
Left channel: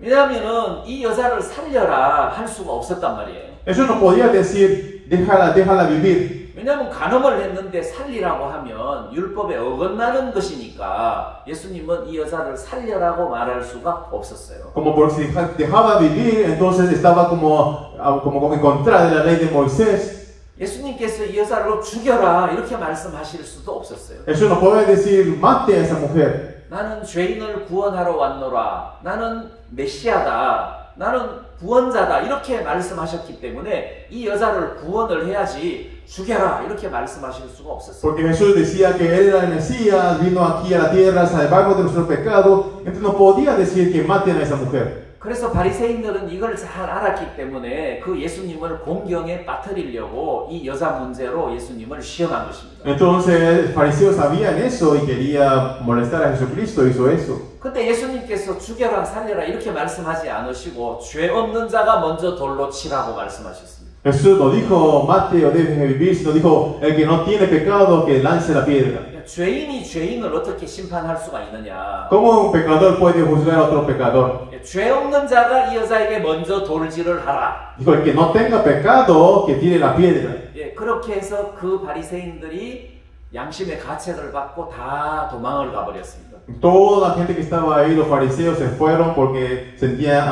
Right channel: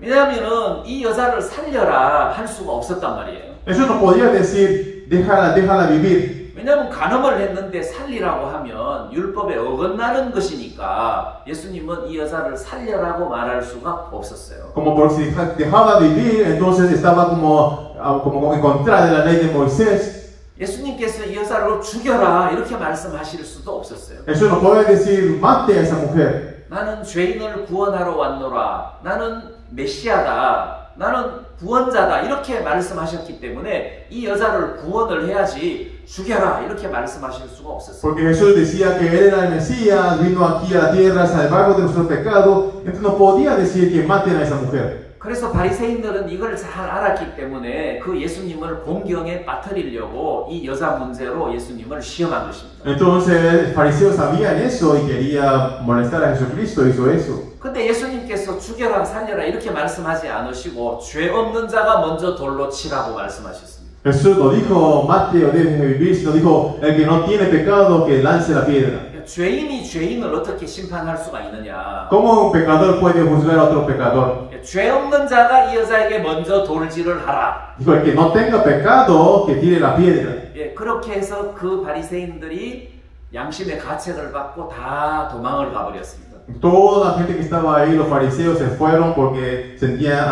왜냐하면은 이 여자를 살려라 할 수가 없었단 말이에요. Eso no podía decir déjala vivir. 왜냐하면 간음을 했는데 살리라고 하면 율법에 어긋나는 것이니까 예수님은 이 여자를 살려라고 말할 수가 없었어요. Como por si dejaba vivir, entonces estaba como en contra de la ley de Moisés. 예수님께서 이 여자를 죽여라 이렇게 말씀하실 수도 없었어요. Eso no puede decir mate a esa mujer. 나는 죄인을 구원하러 왔노라. 나는 메시아다. 나는 구원자다. 이렇게 말씀하셨기 때문에 이 여자를 구원을 해야지 죽여라. 이렇게 말씀하실 수가 없었어요. Porque Jesús decía que él era el Mesías, vino aquí a la tierra a salvarnos de nuestro pecado. Entonces no podía decir que maten a esa mujer. 그래서 바리새인들은 이걸 잘 알았기 때문에 그 예수님을 공경에 빠뜨리려고 이 여자 문제로 예수님을 시험한 것입니다. Entonces fariseos sabían eso y quería molestar a Jesucristo, hizo eso. 근데 예수님께서 죽여라 살려라 이렇게 말씀하지 않으시고 죄 없는 자가 먼저 돌로 치라고 말씀하셨습니다. Jesús no dijo mate o dejen de vivir, sino dijo el que no tiene pecado que lance la piedra. 죄인이 죄인을 어떻게 심판할 수가 있느냐? ¿Cómo un pecador puede juzgar a otro pecador? 죄 없는 자가 이 여자에게 먼저 돌질을 하라. Dijo el que no tenga pecado que tire la piedra. 예, 그렇게 해서 그 바리새인들이 양심의 가책을 받고 다 도망을 가버렸습니다. Toda la gente que estaba ahí, los fariseos, se fueron porque sentían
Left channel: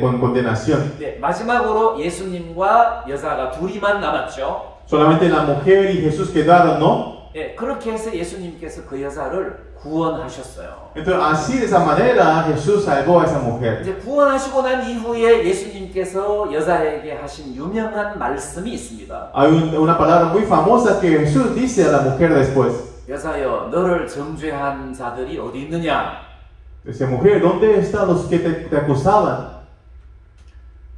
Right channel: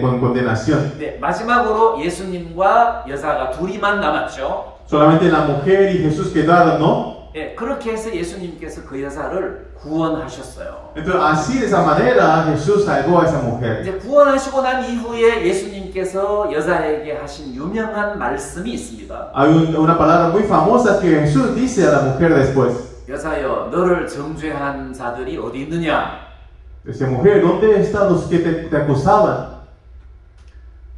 con condenación. 네, 마지막으로 예수님과 여자가 둘이만 남았죠. Solamente la mujer y Jesús quedaron, ¿no? 예, 그렇게 해서 예수님께서 그 여자를 구원하셨어요. Entonces, así de esa manera Jesús salvó a esa mujer. 이제 구원하시고 난 이후에 예수님께서 여자에게 하신 유명한 말씀이 있습니다. Hay una palabra muy famosa que Jesús dice a la mujer después. 여자여, 너를 정죄한 자들이 어디 있느냐? Dice, mujer, ¿dónde están los que te acusaban?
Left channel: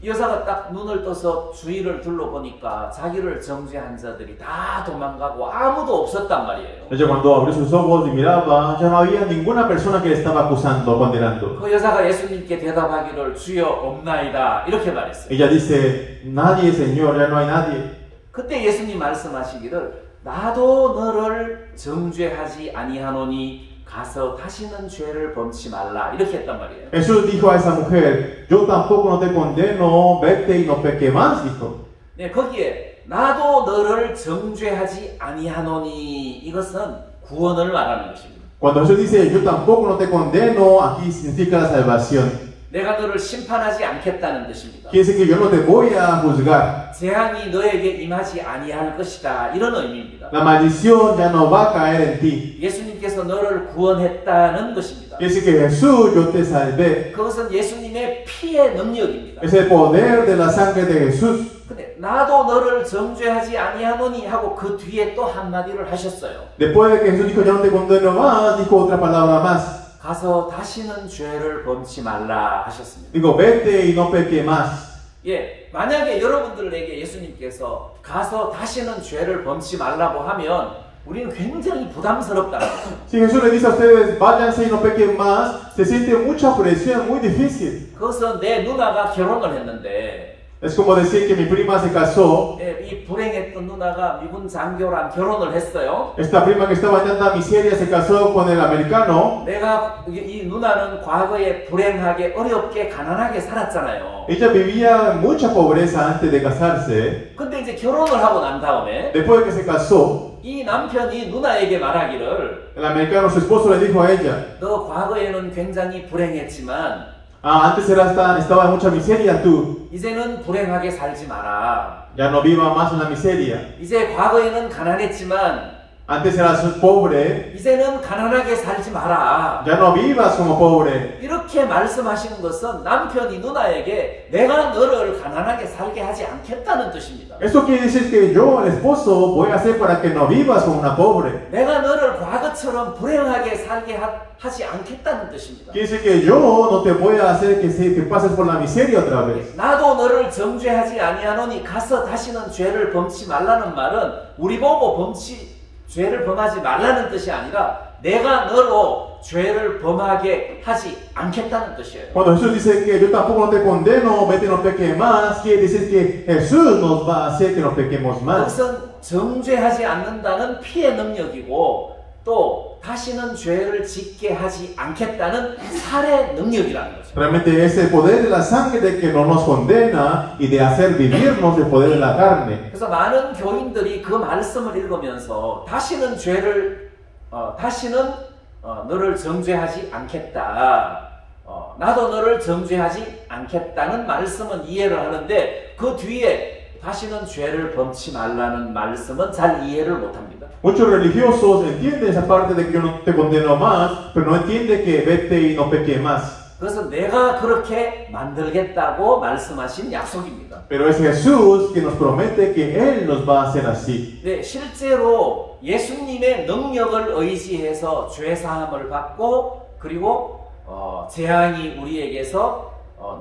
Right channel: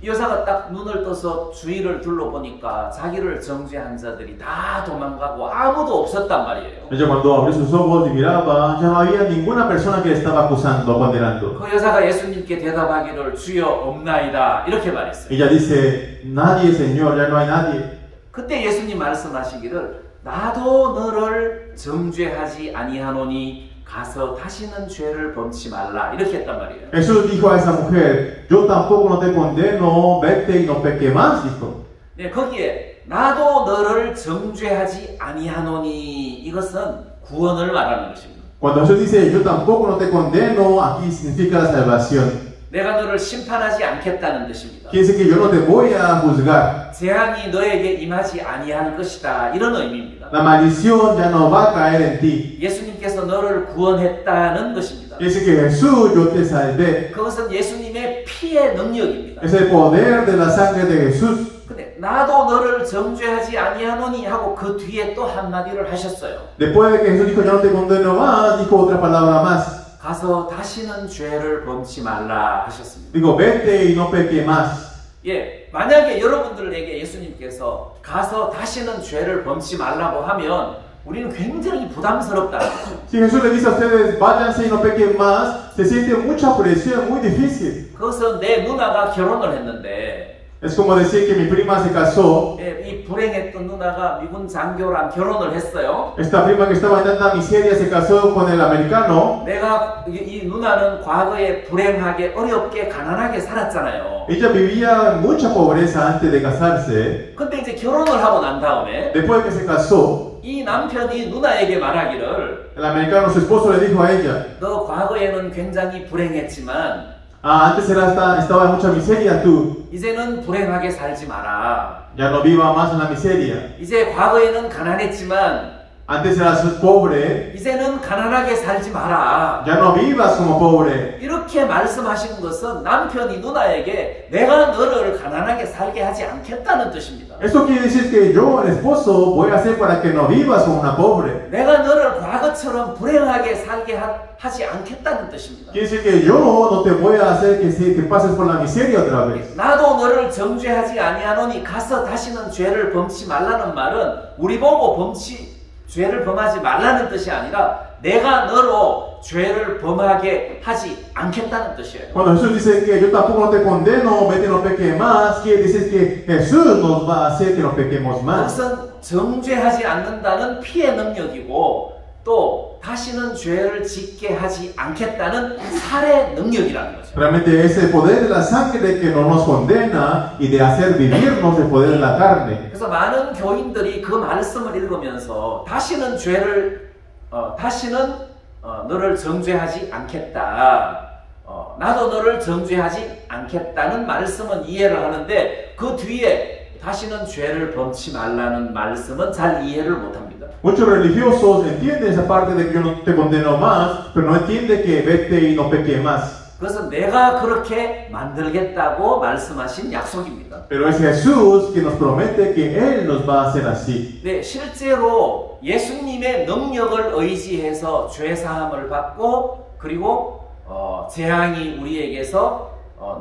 이 여자가 딱 눈을 떠서 주위를 둘러보니까 자기를 정죄한 자들이 다 도망가고 아무도 없었단 말이에요. Ella cuando abrió sus ojos y miraba, ya no había ninguna persona que le estaba acusando o condenando. 그 여자가 예수님께 대답하기를 주여 없나이다 이렇게 말했어요. Ella dice, nadie, Señor, ya no hay nadie. 그때 예수님 말씀하시기를 나도 너를 정죄하지 아니하노니 가서 다시는 죄를 범치 말라 이렇게 했단 말이에요. Jesús dijo a esa mujer, yo tampoco no te condeno, vete y no peque más, dijo. 네, 거기에 나도 너를 정죄하지 아니하노니 이것은 구원을 말하는 것입니다. Cuando Jesús dice, yo tampoco no te condeno, aquí significa la salvación. 내가 너를 심판하지 않겠다는 뜻입니다. Quiere decir que yo no te voy a juzgar. 재앙이 너에게 임하지 아니할 것이다 이런 의미입니다. La maldición ya no va a caer en ti. 예수님께서 너를 구원했다는 것입니다. Quiere decir que Jesús, yo te salvé. 그것은 예수님의 피의 능력입니다. Es el poder de la sangre de Jesús. 근데 나도 너를 정죄하지 아니하노니 하고 그 뒤에 또 한마디를 하셨어요. Después de que Jesús dijo, yo no te condeno más, dijo otra palabra más. 가서 다시는 죄를 범치 말라 하셨습니다. Digo, vete y no peque más. 예, 만약에 여러분들에게 예수님께서 가서 다시는 죄를 범치 말라고 하면 우리는 굉장히 부담스럽다는 거죠. Si Jesús le dice a ustedes, váyanse y no pequen más, se siente mucha presión, muy difícil. 그것은 내 누나가 결혼을 했는데 Es como decir que mi prima se casó. 이 불행했던 누나가 미군 장교랑 결혼을 했어요. Esta prima que estaba en tanta miseria se casó con el americano. 내가 이 누나는 과거에 불행하게 어렵게 가난하게 살았잖아요. Ella vivía mucha pobreza antes de casarse. 근데 이제 결혼을 하고 난 다음에 Después de que se casó, 이 남편이 누나에게 말하기를 el americano, su esposo, le dijo a ella, 너 과거에는 굉장히 불행했지만 antes estaba en mucha miseria tú. 이제는 불행하게 살지 마라. Ya no viva más en la miseria. 이제 과거에는 가난했지만 Antes eras pobre. 이제는 가난하게 살지 마라. Ya no vivas como pobre. 이렇게 말씀하신 것은 남편이 누나에게 내가 너를 가난하게 살게 하지 않겠다는 뜻입니다. Eso quiere decir que yo, el esposo, voy a hacer para que no vivas como una pobre. 내가 너를 과거처럼 불행하게 살게 하지 않겠다는 뜻입니다. Quiere decir que yo no te voy a hacer que pases por la miseria otra vez. 나도 너를 정죄하지 아니하노니 가서 다시는 죄를 범치 말라는 말은 우리 보고 죄를 범하지 말라는 뜻이 아니라 내가 너로 죄를 범하게 하지 않겠다는 뜻이에요. Cuando Jesús dice que yo tampoco no te condeno, vete no peques más, quiere decir que Jesús nos va a hacer que no pequemos más. 그것은 정죄하지 않는다는 피의 능력이고 또 다시는 죄를 짓게 하지 않겠다는 살의 능력이라는 거죠. Realmente es el poder de la sangre que no nos condena y de hacer vivirnos el poder de la carne. 그래서 많은 교인들이 그 말씀을 읽으면서 다시는 너를 정죄하지 않겠다. 나도 너를 정죄하지 않겠다는 말씀은 이해를 하는데 그 뒤에 다시는 죄를 범치 말라는 말씀은 잘 이해를 못합니다. Muchos religiosos entienden esa parte de que yo no te condeno más, pero no entiende que vete y no peque más. 그것은 내가 그렇게 만들겠다고 말씀하신 약속입니다. Pero es Jesús que nos promete que Él nos va a hacer así. 네, 실제로 예수님의 능력을 의지해서 죄 사함을 받고 그리고 재앙이 우리에게서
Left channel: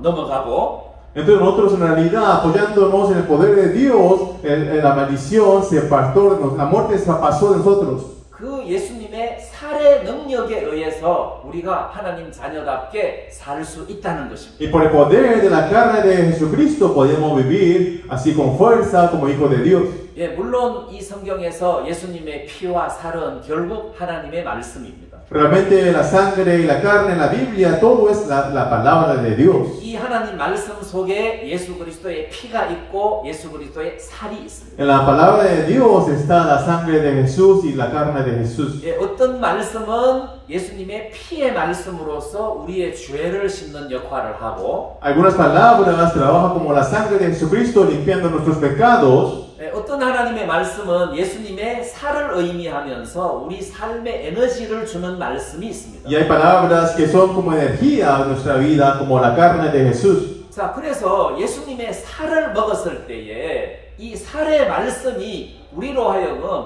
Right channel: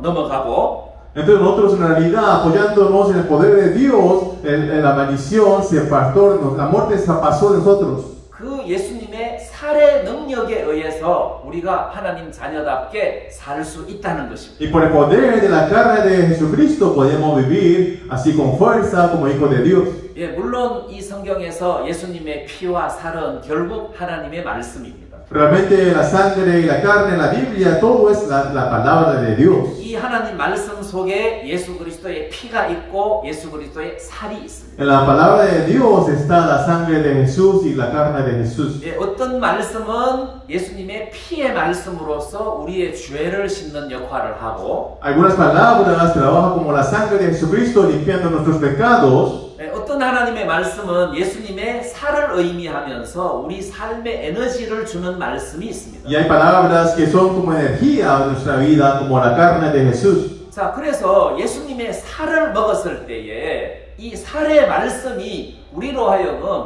넘어가고 Entonces nosotros en realidad apoyándonos en el poder de Dios, la maldición se apartó, la muerte se pasó de nosotros. 그 예수님의 살의 능력에 의해서 우리가 하나님 자녀답게 살 수 있다는 것입니다. Y por el poder de la carne de Jesucristo podemos vivir así con fuerza como hijos de Dios. 예, 물론 이 성경에서 예수님의 피와 살은 결국 하나님의 말씀입니다. Realmente la sangre y la carne en la Biblia, todo es la palabra de Dios. 이 하나님 말씀 속에 예수 그리스도의 피가 있고 예수 그리스도의 살이 있습니다. En la palabra de Dios está la sangre de Jesús y la carne de Jesús. 예, 어떤 말씀은 예수님의 피의 말씀으로서 우리의 죄를 씻는 역할을 하고 Algunas palabras trabajan como la sangre de Jesucristo limpiando nuestros pecados. 어떤 하나님의 말씀은 예수님의 살을 의미하면서 우리 삶의 에너지를 주는 말씀이 있습니다. Y hay palabras que son como energía de nuestra vida, como la carne de Jesús. 자, 그래서 예수님의 살을 먹었을 때에 이 살의 말씀이 우리로 하여금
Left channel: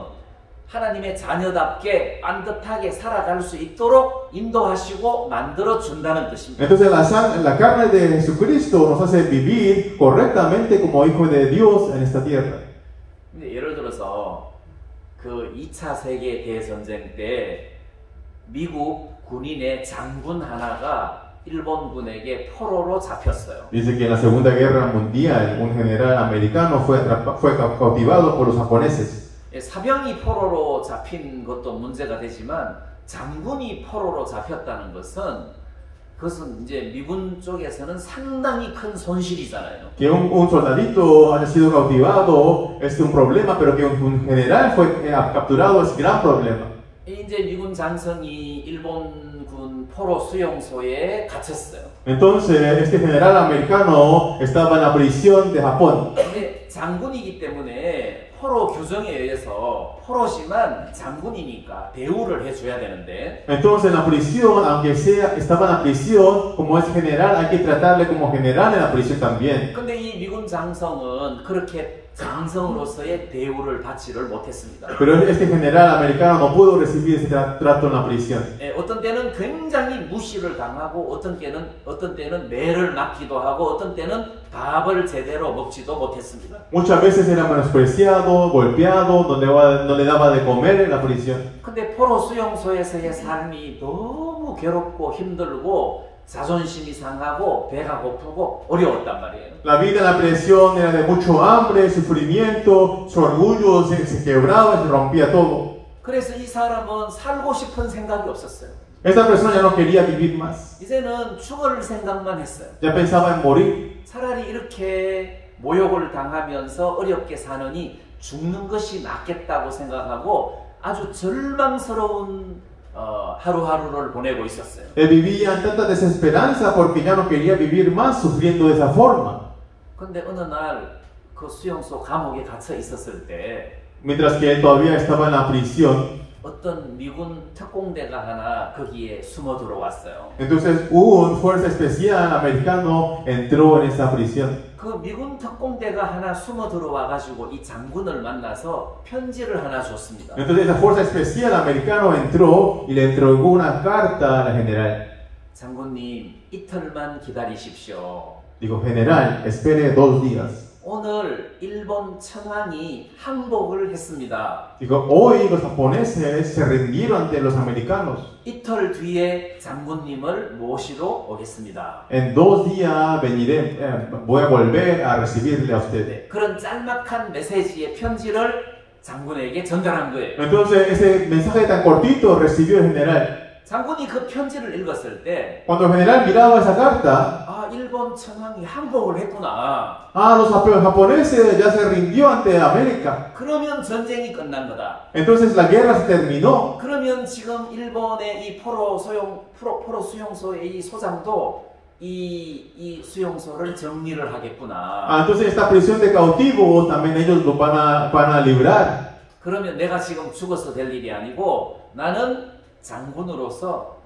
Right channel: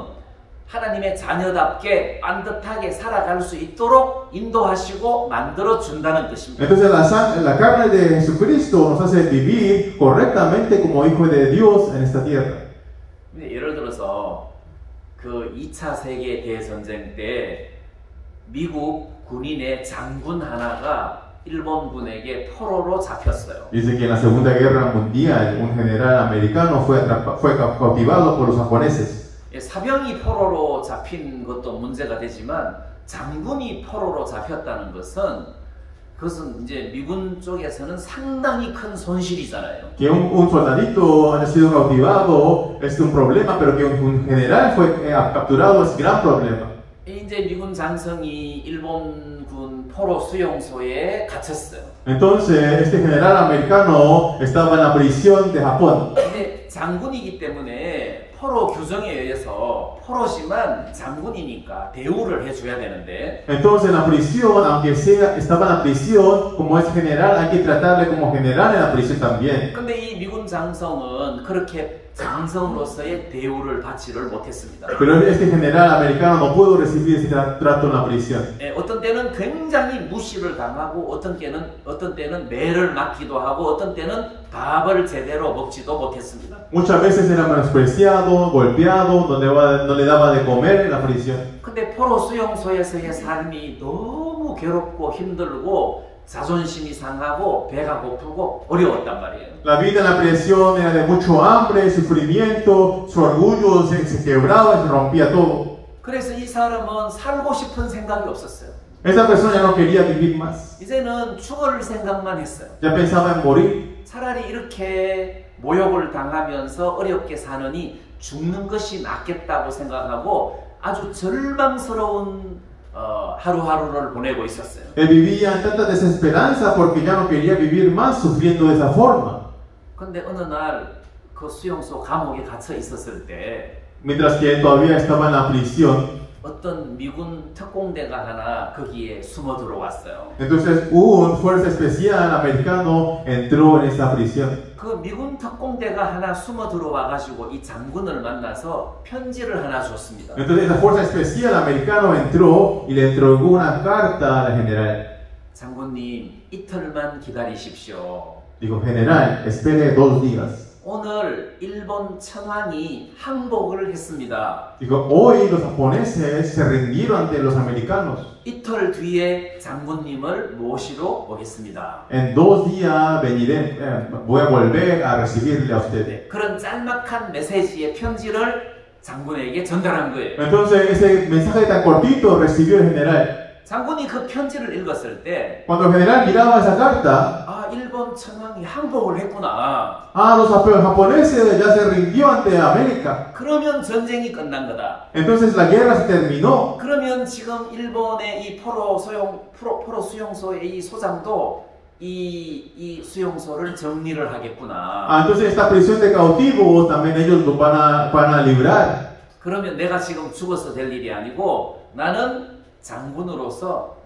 하나님의 자녀답게 반듯하게 살아갈 수 있도록 인도하시고 만들어 준다는 뜻입니다. Entonces la carne de Jesucristo nos hace vivir correctamente como hijos de Dios en esta tierra. 예를 들어서 그 2차 세계 대전쟁 때 미국 군인의 장군 하나가 일본군에게 포로로 잡혔어요. Dice que en la Segunda Guerra Mundial un general americano fue cautivado por los japoneses. 사병이 포로로 잡힌 것도 문제가 되지만 장군이 포로로 잡혔다는 그것은 이제 미군 쪽에서는 상당히 큰 손실이잖아요. Que un soldadito haya sido cautivado es un problema, pero que un general fue capturado es gran problema. 이제 미군 장성이 일본군 포로 수용소에 갇혔어요. Entonces este general americano estaba en la prisión de Japón. 근데 장군이기 때문에 포로 규정에 의해서 포로지만 장군이니까 대우를 해줘야 되는데. Entonces en la prisión, aunque estaba en la prisión, como es general, hay que tratarle como general en la prisión también. 근데 이 미군 장성은 그렇게 장성으로서의 대우를 받지를 못했습니다. Pero este general americano no pudo recibir ese trato en la prisión. 어떤 때는 굉장히 무시를 당하고 어떤 때는 매를 맞기도 하고 어떤 때는 밥을 제대로 먹지도 못했습니다. Muchas veces era menospreciado, golpeado, no le daba de comer en la prisión. 근데 포로 수용소에서의 삶이 너무 괴롭고 힘들고 자존심이 상하고 배가 고프고 어려웠단 말이에요. La vida en la prisión era de mucho hambre, sufrimiento, su orgullo se quebraba, se rompía todo. 그래서 이 사람은 살고 싶은 생각이 없었어요. Esta persona ya no quería vivir más, 이제는 죽을 생각만 했어요. ya pensaba en morir. 차라리 이렇게 모욕을 당하면서 어렵게 사느니 죽는 것이 낫겠다고 생각하고 아주 절망스러운 하루하루를 보내고 있었어요. Él vivía en tanta desesperanza porque ya no quería vivir más sufriendo de esa forma. 근데 어느 날 그 수용소 감옥에 갇혀 있었을 때 Mientras que él todavía estaba en la prisión, 어떤 미군 특공대가 하나 거기에 숨어 들어왔어요. entonces un fuerza especial americano entró en esa prisión. 그 미군 특공대가 하나 숨어 들어와 가지고 이 장군을 만나서 편지를 하나 줬습니다. Entonces esa fuerza especial americano entró y le entregó una carta al general. 장군님, 이틀만 기다리십시오. Dijo, general, espere 2 días. 오늘 일본 천황이 항복을 했습니다. Dijo, hoy los japoneses se rindieron ante los americanos. 이틀 뒤에 장군님을 모시러 오겠습니다. En 2 días veniré, voy a volver a recibirle a usted. 네, 그런 짤막한 메시지의 편지를 장군에게 전달한 거예요. Entonces ese mensaje tan cortito recibió el general. 장군이 그 편지를 읽었을 때 Cuando el general miraba esa carta, 일본 천황이 항복을 했구나. los japoneses ya se rindió ante América. 그러면 전쟁이 끝난 거다. Entonces la guerra se terminó. 그러면 지금 일본의 이 포로 수용소의 이 소장도 이 수용소를 정리를 하겠구나. Entonces esta prisión de cautivos también ellos lo van a librar. 그러면 내가 지금 죽어서 될 일이 아니고 나는 장군으로서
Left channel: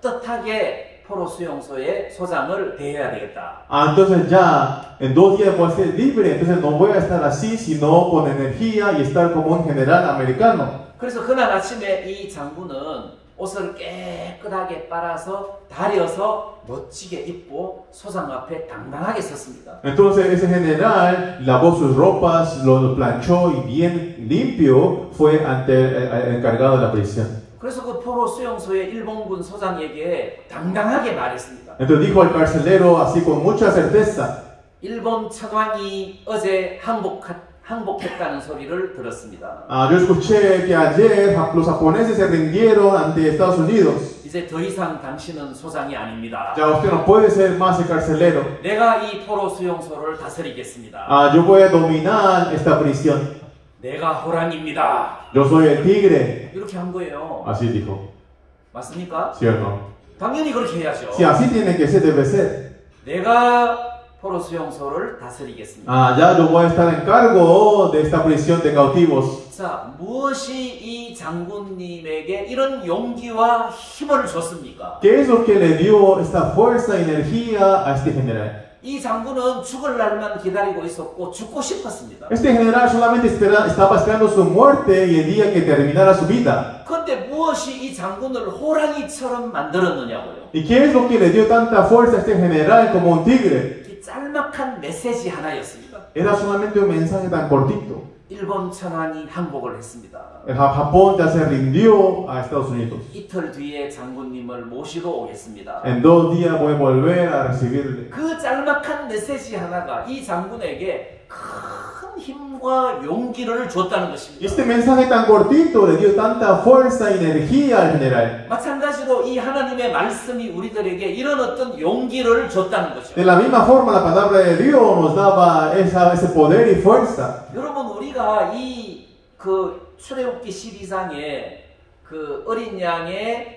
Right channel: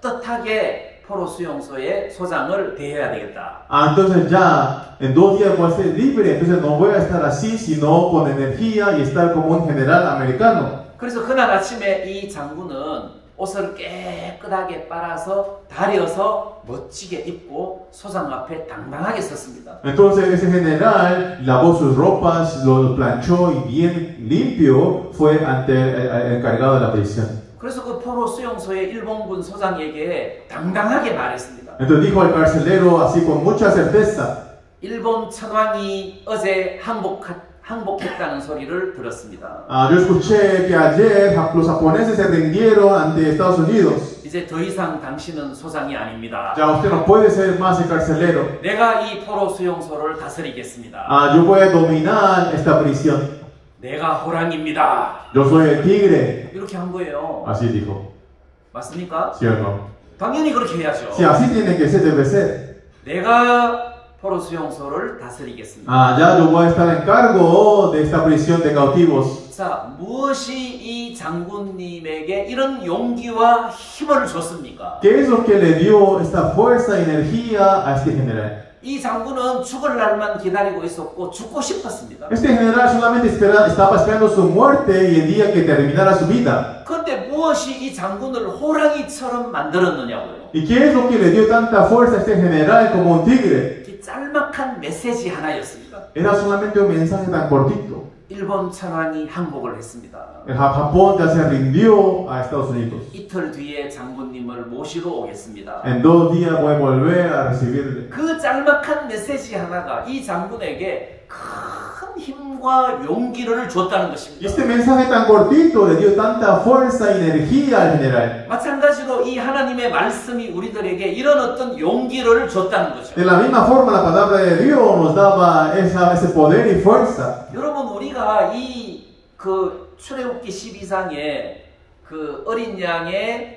떳떳하게 포로 수용소의 소장을 대해야 되겠다. Entonces ya en 2 días voy a ser libre. Entonces no voy a estar así, sino con energía y estar como un general americano. 그래서 그날 아침에 이 장군은 옷을 깨끗하게 빨아서 다려서 멋지게 입고 소장 앞에 당당하게 섰습니다. Entonces ese general lavó sus ropas, lo planchó y bien limpio fue ante el encargado de la prisión. 그래서 그 포로 수용소의 일본군 소장에게 당당하게 말했습니다. Entonces dijo al carcelero así con mucha certeza. 일본 천황이 어제 항복했다는 소리를 들었습니다. Yo escuché que ayer los japoneses se rindieron ante Estados Unidos. 이제 더 이상 당신은 소장이 아닙니다. Ya usted no puede ser más el carcelero. 내가 이 포로 수용소를 다스리겠습니다. Yo voy a dominar esta prisión. 내가 호랑입니다. Yo soy el tigre. 이렇게 한 거예요. Así dijo. 맞습니까? ¿Sí o no? 당연히 그렇게 해야죠. Sí, así tiene que ser, debe ser. 내가 포로 수용소를 다스리겠습니다. Ya yo voy a estar en cargo de esta prisión de cautivos. 자, 무엇이 이 장군님에게 이런 용기와 힘을 줬습니까? ¿Qué es lo que le dio esta fuerza y energía a este general? 이 장군은 죽을 날만 기다리고 있었고 죽고 싶었습니다. Este general solamente estaba esperando su muerte y el día que terminara su vida. 그런데 무엇이 이 장군을 호랑이처럼 만들었느냐고요? ¿Y qué es lo que le dio tanta fuerza a este general como un tigre? 이 짤막한 메시지 하나였습니다. Era solamente un mensaje tan cortito. 일본 천황이 항복을 했습니다. El Japón ya se rindió a Estados Unidos. 이틀 뒤에 장군님을 모시러 오겠습니다. En 2 días voy a volver a recibirle. 그 짤막한 메시지 하나가 이 장군에게 큰 힘과 용기를 줬다는 것입니다. Este mensaje tan cortito le dio tanta fuerza y energía al general. 마찬가지로 이 하나님의 말씀이 우리들에게 이런 어떤 용기를 줬다는 거죠. De la misma forma, la palabra de Dios nos daba ese poder y fuerza. 여러분, 우리가 그 출애굽기 12장에 그 어린 양의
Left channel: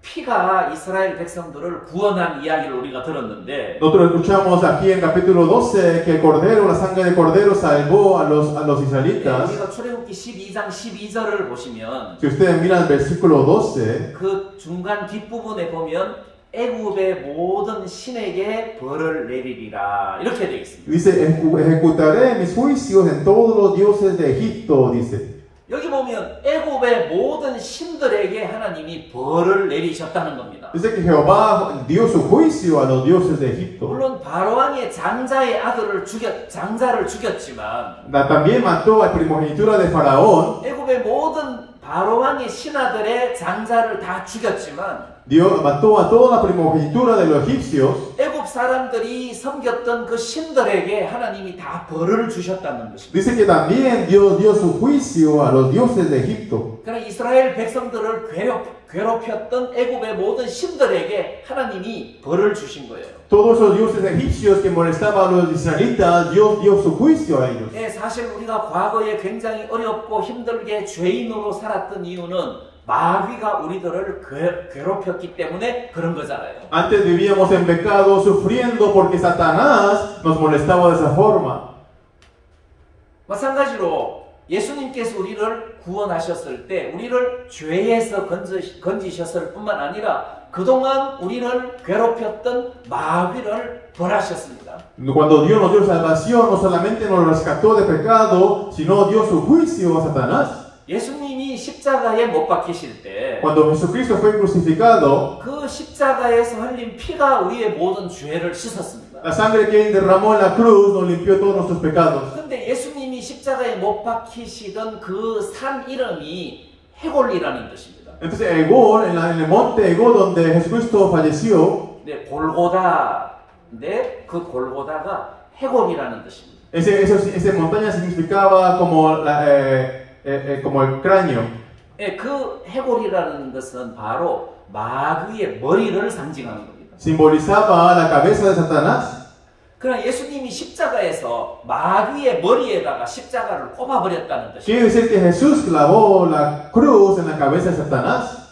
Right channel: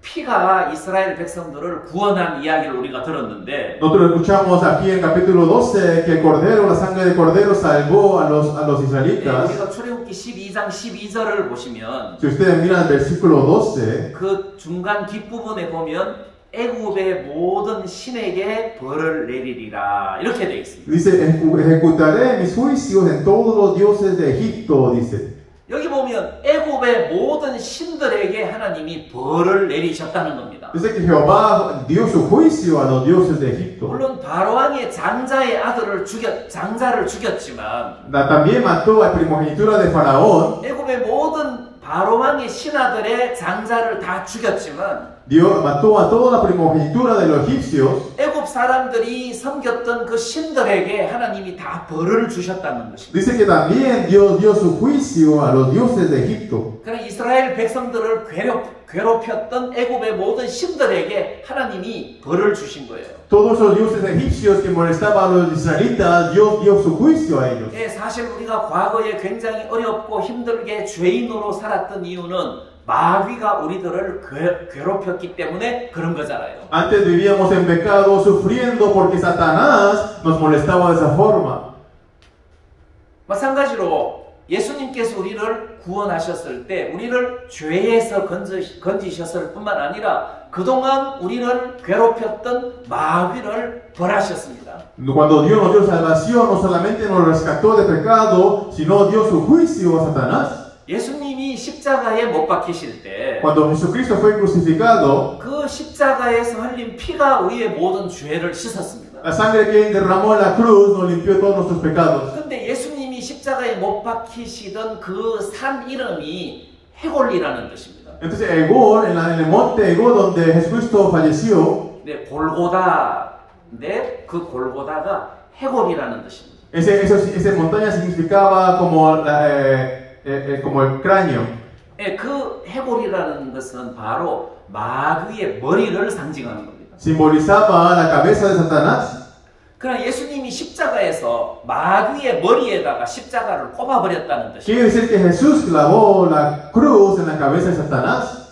피가 이스라엘 백성들을 구원한 이야기를 우리가 들었는데, Nosotros escuchamos aquí en capítulo 12 que el cordero, la sangre de cordero salvó a los israelitas. 우리가 출애굽기 12장 12절을 보시면 Si ustedes miran el versículo 12, 그 중간 뒷부분에 보면 애굽의 모든 신에게 벌을 내리리라 이렇게 되어 있습니다. dice, ejecutaré mis juicios en todos los dioses de Egipto, dice. 여기 보면 애굽의 모든 신들에게 하나님이 벌을 내리셨다는 겁니다. Dice que Jehová dio su juicio a los dioses de Egipto. 물론 바로왕의 장자의 장자를 죽였지만 También mató a primogenitura de Faraón. 애굽의 모든 바로왕의 신하들의 장자를 다 죽였지만 Dios mató a toda la primogenitura de los egipcios. 애굽 사람들이 섬겼던 그 신들에게 하나님이 다 벌을 주셨다는 것입니다. Dice que también Dios dio su juicio a los dioses de Egipto. 그러나 이스라엘 백성들을 괴롭혔던 애굽의 모든 신들에게 하나님이 벌을 주신 거예요. Todos los dioses egipcios que molestaban a los israelitas, Dios dio su juicio a ellos. 예, 사실 우리가 과거에 굉장히 어렵고 힘들게 죄인으로 살았던 이유는 마귀가 우리들을 괴롭혔기 때문에 그런 거잖아요. Antes vivíamos en pecado sufriendo porque Satanás nos molestaba de esa forma. 마찬가지로 예수님께서 우리를 구원하셨을 때 우리를 죄에서 건지셨을 뿐만 아니라 그동안 우리를 괴롭혔던 마귀를 벌하셨습니다. Cuando Dios nos dio salvación, no solamente nos rescató de pecado, sino dio su juicio a Satanás. 예수님이 십자가에 못 박히실 때 Cuando Jesucristo fue crucificado, 그 십자가에서 흘린 피가 우리의 모든 죄를 씻었습니다. la sangre que él derramó en la cruz nos limpió todos nuestros pecados. 근데 예수님이 십자가에 못 박히시던 그 산 이름이 해골리라는 뜻입니다. Entonces, Egor, en el monte Egor donde Jesucristo falleció, 네, 골고다인데 그 골고다가 해골이라는 뜻입니다. esa montaña significaba como el cráneo. 네, 그 해골이라는 것은 바로 마귀의 머리를 상징하는 겁니다. Simbolizaba la cabeza de Satanás. 그러나 예수님이 십자가에서 마귀의 머리에다가 십자가를 꼽아버렸다는 뜻입니다. Quiere decir que Jesús clavó la cruz en la cabeza de Satanás.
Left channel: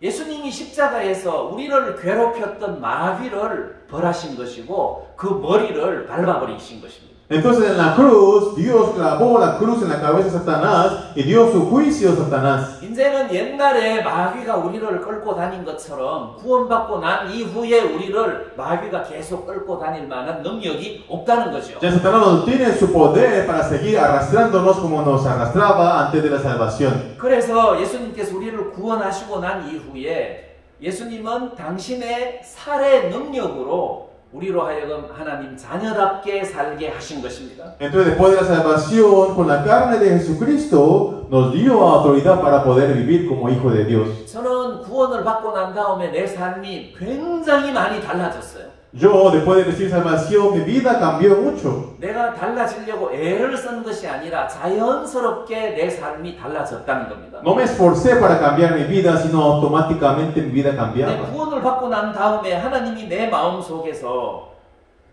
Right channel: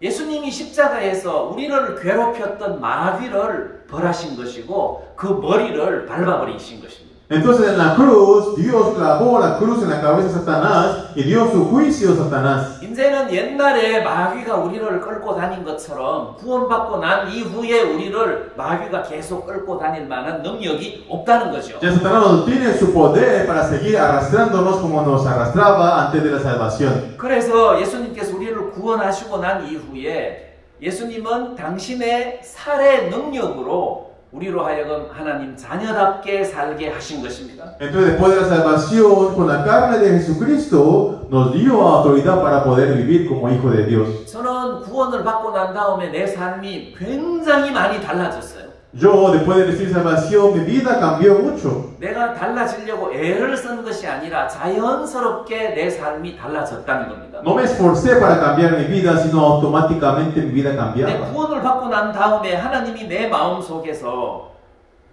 예수님이 십자가에서 우리를 괴롭혔던 마귀를 벌하신 것이고 그 머리를 밟아버리신 것입니다. Entonces en la cruz, Dios clavó la cruz en la cabeza de Satanás y dio su juicio a Satanás. 이제는 옛날에 마귀가 우리를 끌고 다닌 것처럼 구원받고 난 이후에 우리를 마귀가 계속 끌고 다닐 만한 능력이 없다는 거죠. Ya Satanás no tiene su poder para seguir arrastrándonos como nos arrastraba antes de la salvación. 그래서 예수님께서 우리를 구원하시고 난 이후에 예수님은 당신의 살의 능력으로 우리로 하여금 하나님 자녀답게 살게 하신 것입니다. Entonces después de la salvación, con la carne de Jesucristo, nos dio autoridad para poder vivir como hijo de Dios. 저는 구원을 받고 난 다음에 내 삶이 굉장히 많이 달라졌어요. Yo, después de recibir salvación, mi vida cambió mucho. 내가 달라지려고 애를 쓴 것이 아니라 자연스럽게 내 삶이 달라졌다는 겁니다. No me esforcé para cambiar mi vida, sino automáticamente mi vida 내 cambiaba. 구원을 받고 난 다음에 하나님이 내 마음 속에서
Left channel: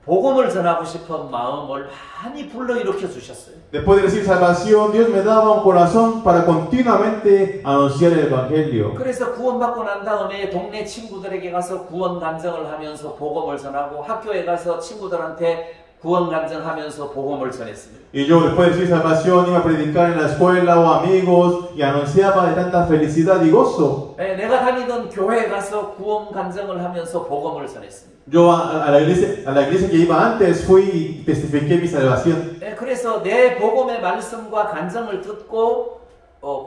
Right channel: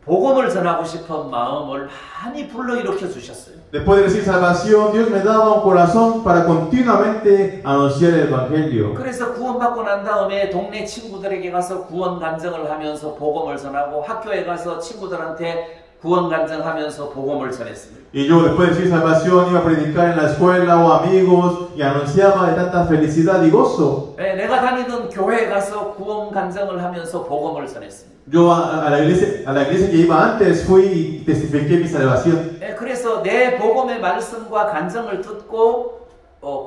복음을 전하고 싶은 마음을 많이 불러일으켜 주셨어요. Después de recibir salvación, Dios me daba un corazón para continuamente anunciar el Evangelio. 그래서 구원받고 난 다음에 동네 친구들에게 가서 구원 간증을 하면서 복음을 전하고 학교에 가서 친구들한테 구원 간증하면서 복음을 전했습니다. Y yo después de recibir salvación iba a predicar en la escuela o amigos y anunciaba de tanta felicidad y gozo. 내가 다니던 교회에 가서 구원 간증을 하면서 복음을 전했습니다. Yo a la iglesia que iba antes fui y testifiqué mi salvación. 그래서 내 복음의 말씀과 간증을 듣고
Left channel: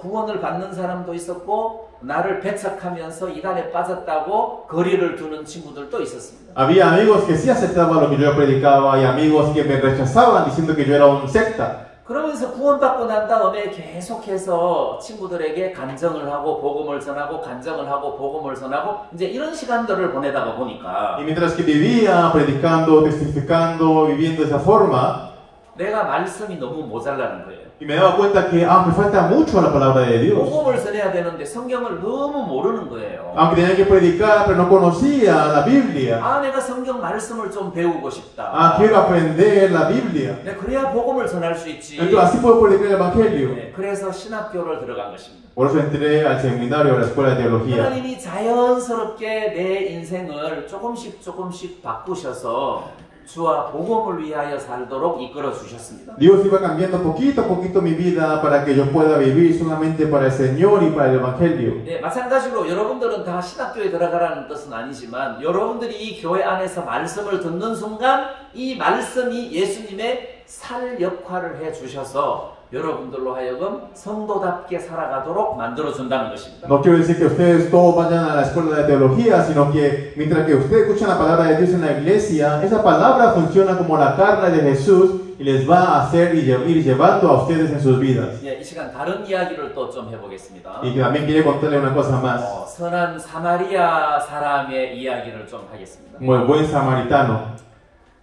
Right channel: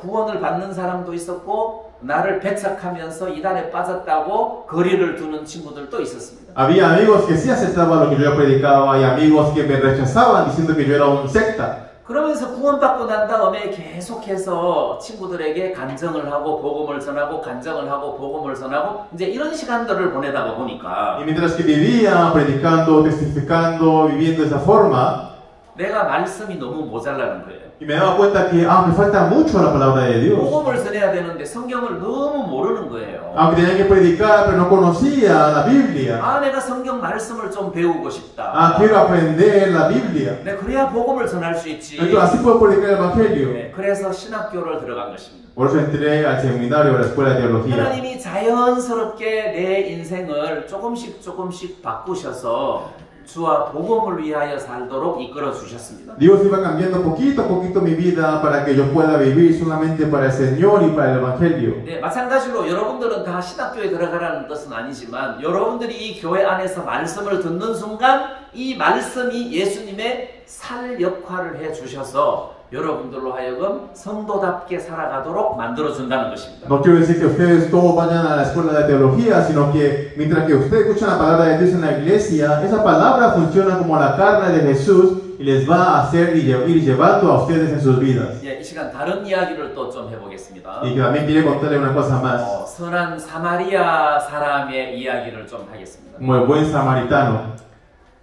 구원을 받는 사람도 있었고 나를 배척하면서 이단에 빠졌다고 거리를 두는 친구들도 있었습니다. Había amigos que sí aceptaban lo que yo predicaba y amigos que me rechazaban diciendo que yo era un secta. 그러면서 구원받고 난 다음에 계속해서 친구들에게 간증을 하고 복음을 전하고 간증을 하고 복음을 전하고 이제 이런 시간들을 보내다가 보니까 Y mientras que vivía predicando, testificando, viviendo de esa forma, 내가 말씀이 너무 모자라는 거예요. y me daba cuenta que me falta mucho la palabra de Dios. 복음을 전해야 되는데 성경을 너무 모르는 거예요. Aunque tenía que predicar, pero no conocía la Biblia. 내가 성경 말씀을 좀 배우고 싶다. Quiero aprender la Biblia. 네, 그래야 복음을 전할 수 있지. Entonces así puedo predicar el Evangelio. 네, 그래서 신학교를 들어간 것입니다. Por eso entré al seminario de la escuela de teología. 하나님이 자연스럽게 내 인생을 조금씩 바꾸셔서 주와 복음을 위하여 살도록 이끌어 주셨습니다. Dios iba cambiando poquito a poquito mi vida para que yo pueda vivir solamente para el Señor y para el Evangelio. 네, 마찬가지로 여러분들은 다 신학교에 들어가라는 뜻은 아니지만 여러분들이 이 교회 안에서 말씀을 듣는 순간 이 말씀이 예수님의 살 역할을 해 주셔서 여러분들로 하여금 성도답게 살아가도록 만들어준다는 것입니다. No quiero decir que ustedes todos vayan a la escuela de teología, sino que mientras que ustedes escuchan la palabra de Dios en la iglesia, esa palabra funciona como la carne de Jesús y les va a hacer ir llevando a ustedes en sus vidas. 예, 이 시간 다른 이야기를 또 좀 해보겠습니다. Y también quiere contarle una cosa más. 선한 사마리아 사람의 이야기를 좀 하겠습니다. Como el buen samaritano.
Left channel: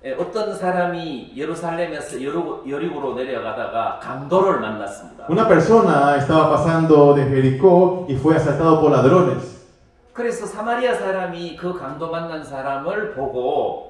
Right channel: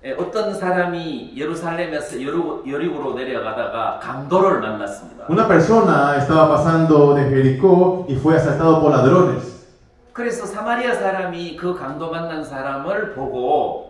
예, 어떤 사람이 예루살렘에서 여리고로 내려가다가 강도를 만났습니다. Una persona estaba pasando de Jericó y fue asaltado por ladrones. 그래서 사마리아 사람이 그 강도 만난 사람을 보고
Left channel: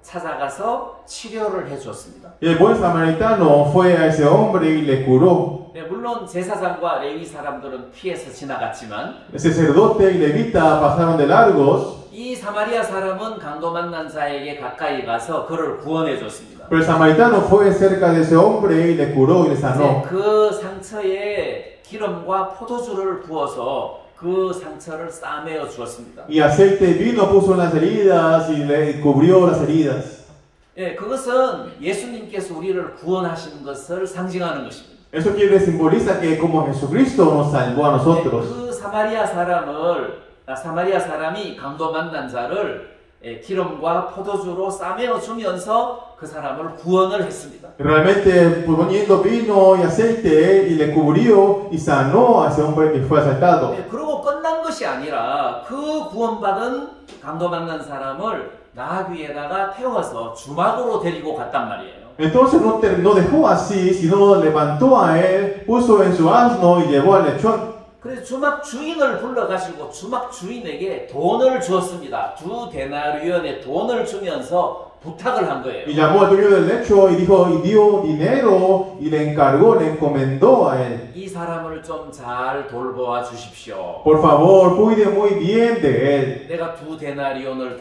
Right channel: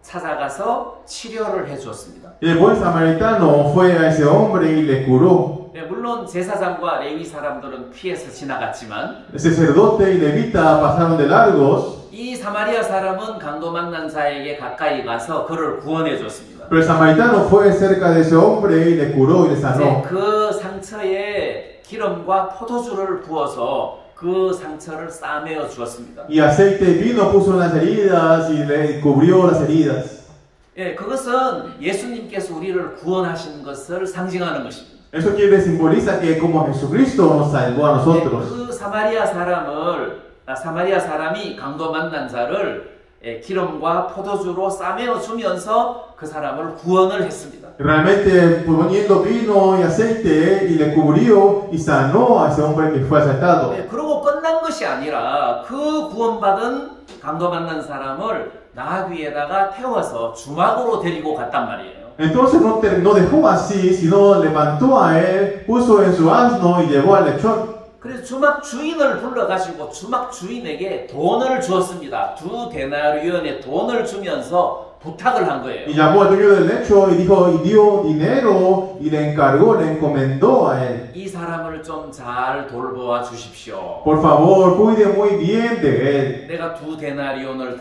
찾아가서 치료를 해주었습니다. Y el buen samaritano fue a ese hombre y le curó. 네, 물론 제사장과 레위 사람들은 피해서 지나갔지만 El sacerdote y levita pasaron de largos, 이 사마리아 사람은 강도 만난 자에게 가까이 가서 그를 구원해 줬습니다. pero el samaritano fue cerca de ese hombre y le curó y le 네, sanó. 그 상처에 기름과 포도주를 부어서 그 상처를 싸매어 주었습니다. Y aceite de vino puso en las heridas y le cubrió las heridas. 예, 그것은 예수님께서 우리를 구원하신 것을 상징하는 것입니다. Eso quiere simboliza que como Jesucristo nos salvó a 네, nosotros. 그 사마리아 사람이 강도 만난 자를 기름과 포도주로 싸매어 주면서 그 사람을 구원을 했습니다. Realmente poniendo vino y aceite y le cubrió y sanó a ese hombre que fue asaltado. 네, 그러고 끝난 것이 아니라 그 구원받은 강도 만난 사람을 나귀 위에다가 태워서 주막으로 데리고 갔단 말이에요. Entonces no dejó así, sino levantó a él, puso en su asno y llevó al lechón. 그래서 주막 주인을 불러가지고 jumak 주인에게 돈을 주었습니다. 2 데나리온의 돈을 주면서 부탁을 한 거예요. Y llamó al dueño del lecho y dijo, y dio dinero y le encargó, le encomendó a él. 이 사람을 좀 잘 돌보아 주십시오. Por favor, cuide muy bien de él. 내가 2 데나리온을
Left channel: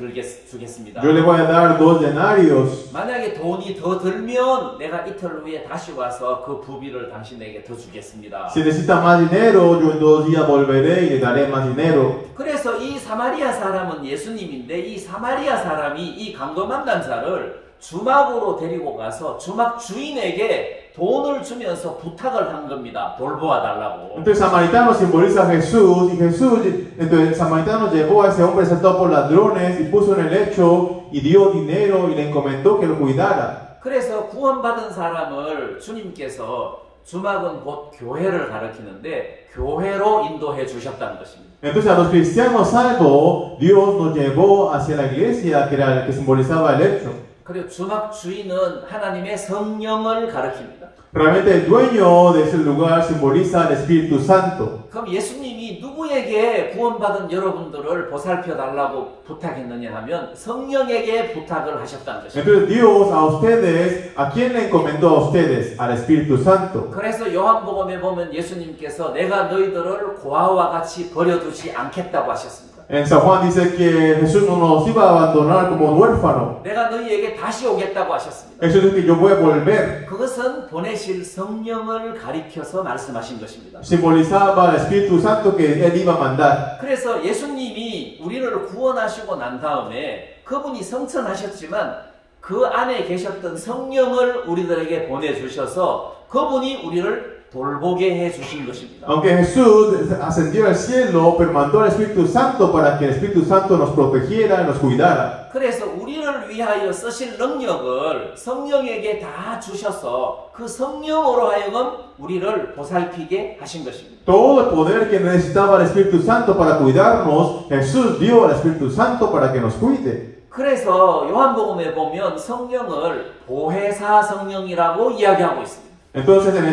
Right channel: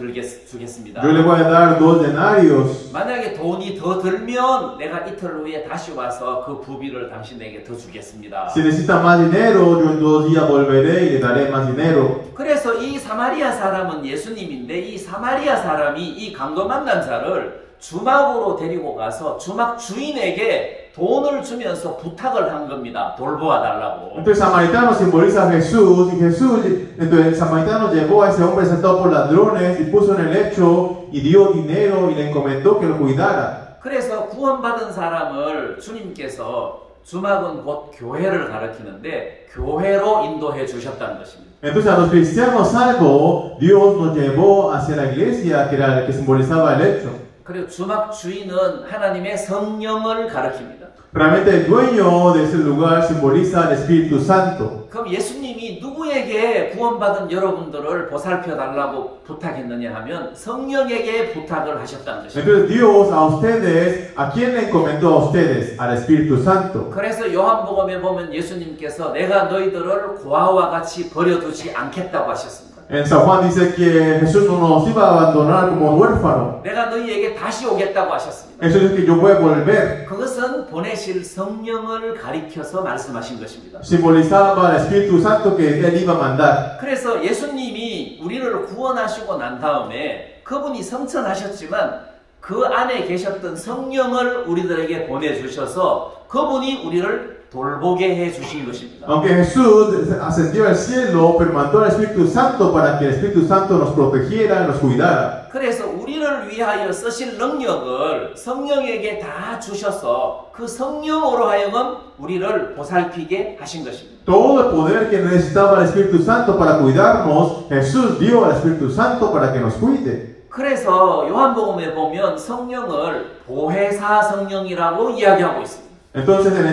주겠습니다. Yo le voy a dar 2 denarios. 만약에 돈이 더 들면 내가 이틀 후에 다시 와서 그 부비를 당신에게 더 주겠습니다. Si necesita más dinero, yo en 2 días volveré y le daré más dinero. 그래서 이 사마리아 사람은 예수님인데 이 사마리아 사람이 이 강도 만난 자를 주막으로 데리고 가서 주막 주인에게 돈을 주면서 부탁을 한 겁니다. 돌보아 달라고. Entonces el samaritano simboliza a Jesús y entonces el samaritano llevó a ese hombre asaltado por ladrones y puso en el lecho y dio dinero y le encomendó que lo cuidara. 그래서 구원받은 사람을 주님께서 주막은 곧 교회를 가리키는데 교회로 인도해 주셨다는 것입니다. Entonces a los cristianos salvos, Dios nos llevó hacia la iglesia que era la que simbolizaba el lecho. 그리고 주막 주인은 하나님의 성령을 가리킵니다. Realmente el dueño de ese lugar simboliza el Espíritu Santo. 그럼 예수님이 누구에게 구원받은 여러분들을 보살펴 달라고 부탁했느냐 하면 성령에게 부탁을 하셨다는 것입니다. Entonces Dios a ustedes, ¿a quién le encomendó a ustedes? Al Espíritu Santo. 그래서 요한복음에 보면 예수님께서 내가 너희들을 고아와 같이 버려두지 않겠다고 하셨습니다. En San Juan dice que Jesús no nos iba a abandonar como un huérfano. 내가 너희에게 다시 오겠다고 하셨습니다. Eso dice que yo voy a volver. 그것은 보내실 성령을 가리켜서 말씀하신 것입니다. Simbolizaba el Espíritu Santo que Él iba a mandar. 그래서 예수님이 우리를 구원하시고 난 다음에 그분이 성천하셨지만 그 안에 계셨던 성령을 우리들에게 보내주셔서 그분이 우리를 돌보게 해 주신 것입니다. Aunque Jesús ascendió al cielo, pero mandó al Espíritu Santo para que el Espíritu Santo nos protegiera y nos cuidara. 그래서 우리를 위하여 쓰실 능력을 성령에게 다 주셔서 그 성령으로 하여금 우리를 보살피게 하신 것입니다. Todo el poder que necesitaba el Espíritu Santo para cuidarnos, Jesús dio al Espíritu Santo para que nos cuide. 그래서 요한복음에 보면 성령을 보혜사 성령이라고 이야기하고 있습니다. Entonces en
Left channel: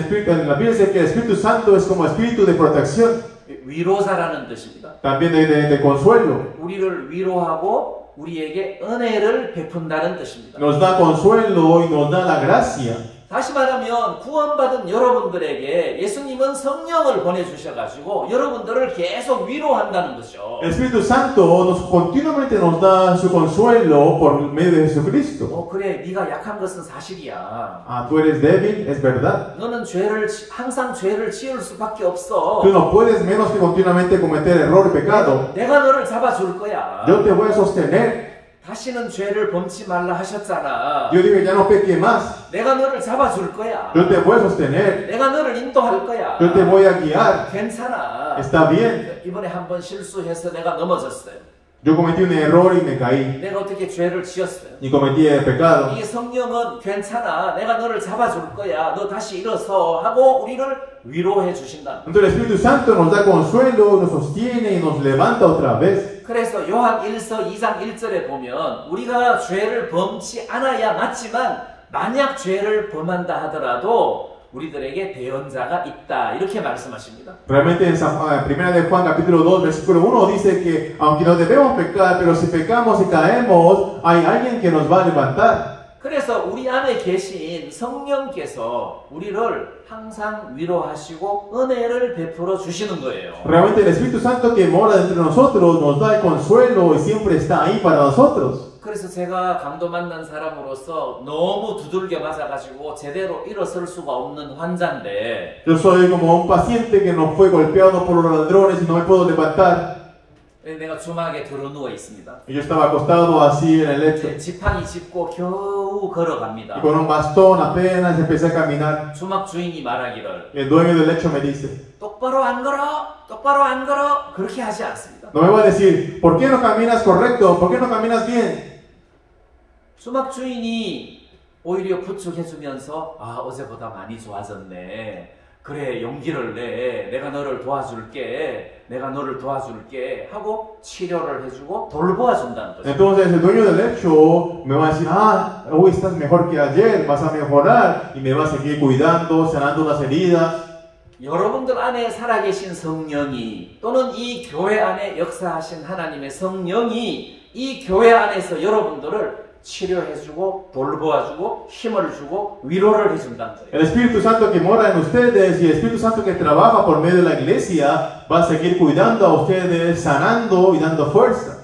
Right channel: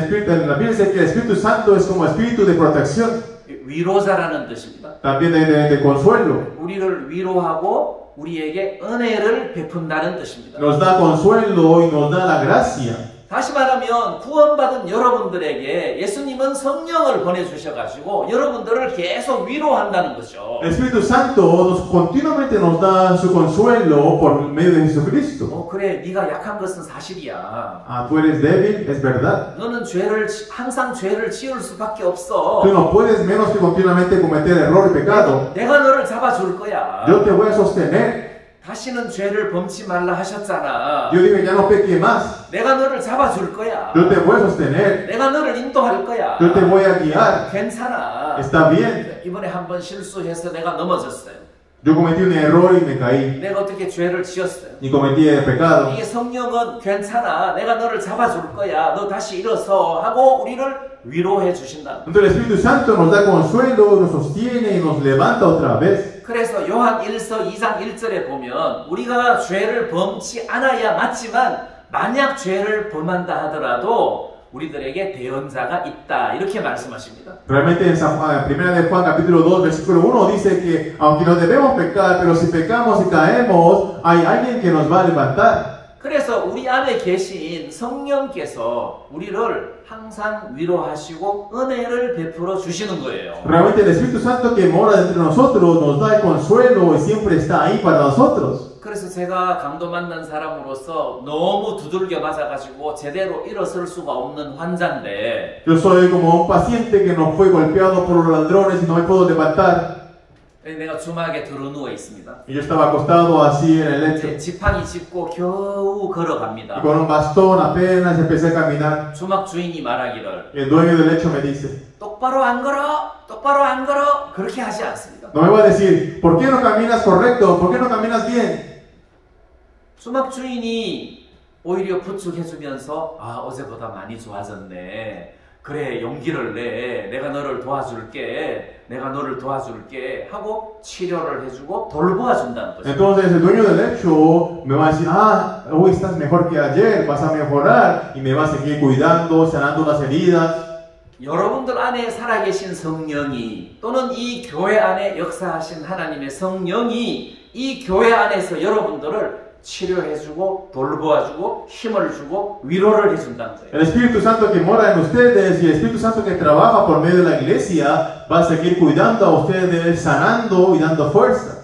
la Biblia dice que el Espíritu Santo es como espíritu de protección, 위로자라는 뜻입니다. también de consuelo. 우리를 위로하고 우리에게 은혜를 베푼다는 뜻입니다. Nos da consuelo y nos da la gracia. 다시 말하면 구원받은 여러분들에게 예수님은 성령을 보내주셔가지고 여러분들을 계속 위로한다는 거죠. El Espíritu Santo continuamente nos da su consuelo por medio de Jesucristo. 그래, 네가 약한 것은 사실이야. Ah, tú eres débil, es verdad. 너는 항상 죄를 지을 수밖에 없어. Tú no puedes menos que continuamente cometer error y pecado. 내가 너를 잡아줄 거야. Yo te voy a sostener. 다시는 죄를 범치 말라 하셨잖아. Yo dije, ya no peque más. 내가 너를 잡아줄 거야. Yo te voy a sostener. 내가 너를 인도할 거야. Yo te voy a guiar. 괜찮아. Está bien. 이번에 한번 실수해서 내가 넘어졌어요. Yo cometí un error y me caí. 내가 어떻게 죄를 지었어요. Y cometí el pecado. 이 성령은 괜찮아. 내가 너를 잡아줄 거야. 너 다시 일어서 하고 우리를 위로해 주신다. Entonces el Espíritu Santo nos da consuelo, nos sostiene y nos levanta otra vez. 그래서 요한 1서 2장 1절에 보면 우리가 죄를 범치 않아야 맞지만 만약 죄를 범한다 하더라도 우리들에게 대언자가 있다. 이렇게 말씀하십니다. Realmente en Primera de Juan capítulo 2 versículo 1 dice que aunque no debemos pecar, pero si pecamos y caemos, hay alguien que nos va a levantar. 그래서 우리 안에 계신 성령께서 우리를 항상 위로하시고 은혜를 베풀어 주시는 거예요. Realmente el Espíritu Santo que mora dentro de nosotros nos da el consuelo y siempre está ahí para nosotros. 그래서 제가 강도 만난 사람으로서 너무 두들겨 맞아가지고 제대로 일어설 수가 없는 환자인데 Yo soy como un paciente que no fue golpeado por los ladrones y no me puedo levantar. 내가 주막에 들어누워 있습니다. Y yo estaba acostado así en el lecho. 지팡이 짚고 겨우 걸어갑니다. Y con un bastón apenas empecé a caminar. 주막 주인이 말하기를 Y el dueño del lecho me dice, 똑바로 안 걸어, 똑바로 안 걸어. 그렇게 하지 않습니다. no me va a decir, ¿por qué no caminas correcto? ¿Por qué no caminas bien? 주막 주인이 오히려 부축해주면서 아 어제보다 많이 좋아졌네. 그래 용기를 내. 내가 너를 도와줄게. 내가 너를 도와줄게 하고 치료를 해주고 돌보아준다는 거죠. Entonces el dueño del lecho me va a decir, ah, hoy estás mejor que ayer, vas a mejorar y me va a seguir cuidando, sanando las heridas. 여러분들 안에 살아계신 성령이 또는 이 교회 안에 역사하신 하나님의 성령이 이 교회 안에서 여러분들을 치료해주고 돌보아주고 힘을 주고 위로를 해준다는 거예요. El Espíritu Santo que mora en ustedes y el Espíritu Santo que trabaja por medio de la iglesia va a seguir cuidando a ustedes, sanando y dando fuerza.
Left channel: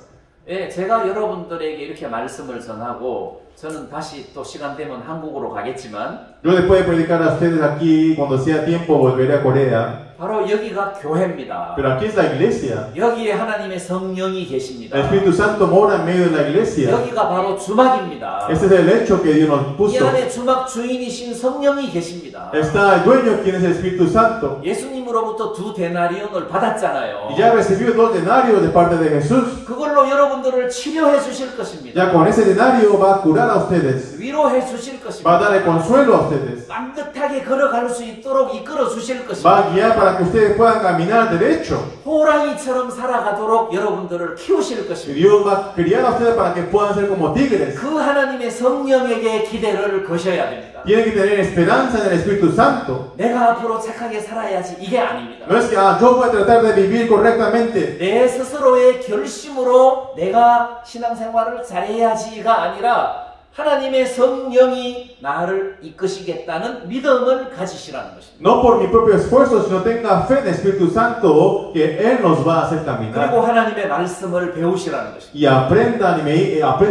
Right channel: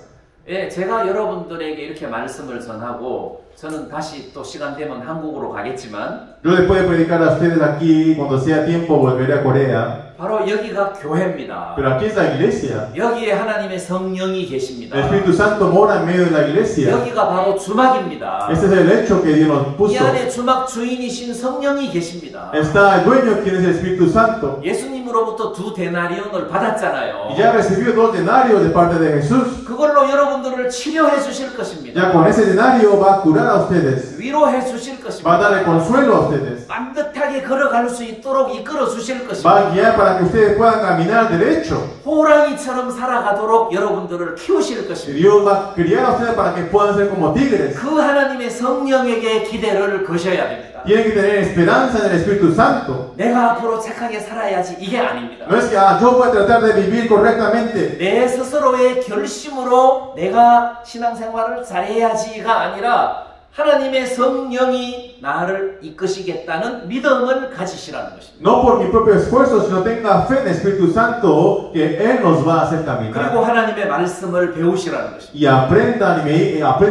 예, 제가 여러분들에게 이렇게 말씀을 전하고 저는 다시 또 시간 되면 한국으로 가겠지만 Yo después de predicar a ustedes aquí, cuando sea tiempo volveré a Corea. 바로 여기가 교회입니다. Pero aquí es la iglesia. 여기에 하나님의 성령이 계십니다. El Espíritu Santo mora en medio de la iglesia. 여기가 바로 주막입니다. Este es el hecho que Dios nos 이 puso. 안에 주막 주인이신 성령이 계십니다. Está el dueño, quien es el Espíritu Santo. 예수님으로부터 2 데나리온을 받았잖아요. Y ya recibió 2 denarios de parte de Jesús. 그걸로 여러분들을 치료해 주실 것입니다. Ya con ese denario va a curar a ustedes. 위로해 주실 Va a dar el 것입니다. consuelo a ustedes. 반듯하게 걸어갈 수 있도록 이끌어 주실 Va a 것입니다. guiar para que ustedes puedan caminar derecho. 호랑이처럼 살아가도록 여러분들을 키우실 Y 것입니다. Dios va a criar a ustedes para que puedan ser como tigres. 그 하나님의 성령에게 기대를 거셔야 됩니다. Tienen que tener esperanza en el Espíritu Santo. 내가 앞으로 착하게 살아야지 이게 아닙니다. No es que yo voy a tratar de vivir correctamente. 내 스스로의 결심으로 내가 신앙생활을 잘해야지가 아니라 하나님의 성령이 나를 이끄시겠다는 믿음을 가지시라는 것입니다. No por mi propio esfuerzo, sino tenga fe en el Espíritu Santo que Él nos va a hacer 그리고 caminar. 하나님의 말씀을 배우시라는 것입니다. Y aprenda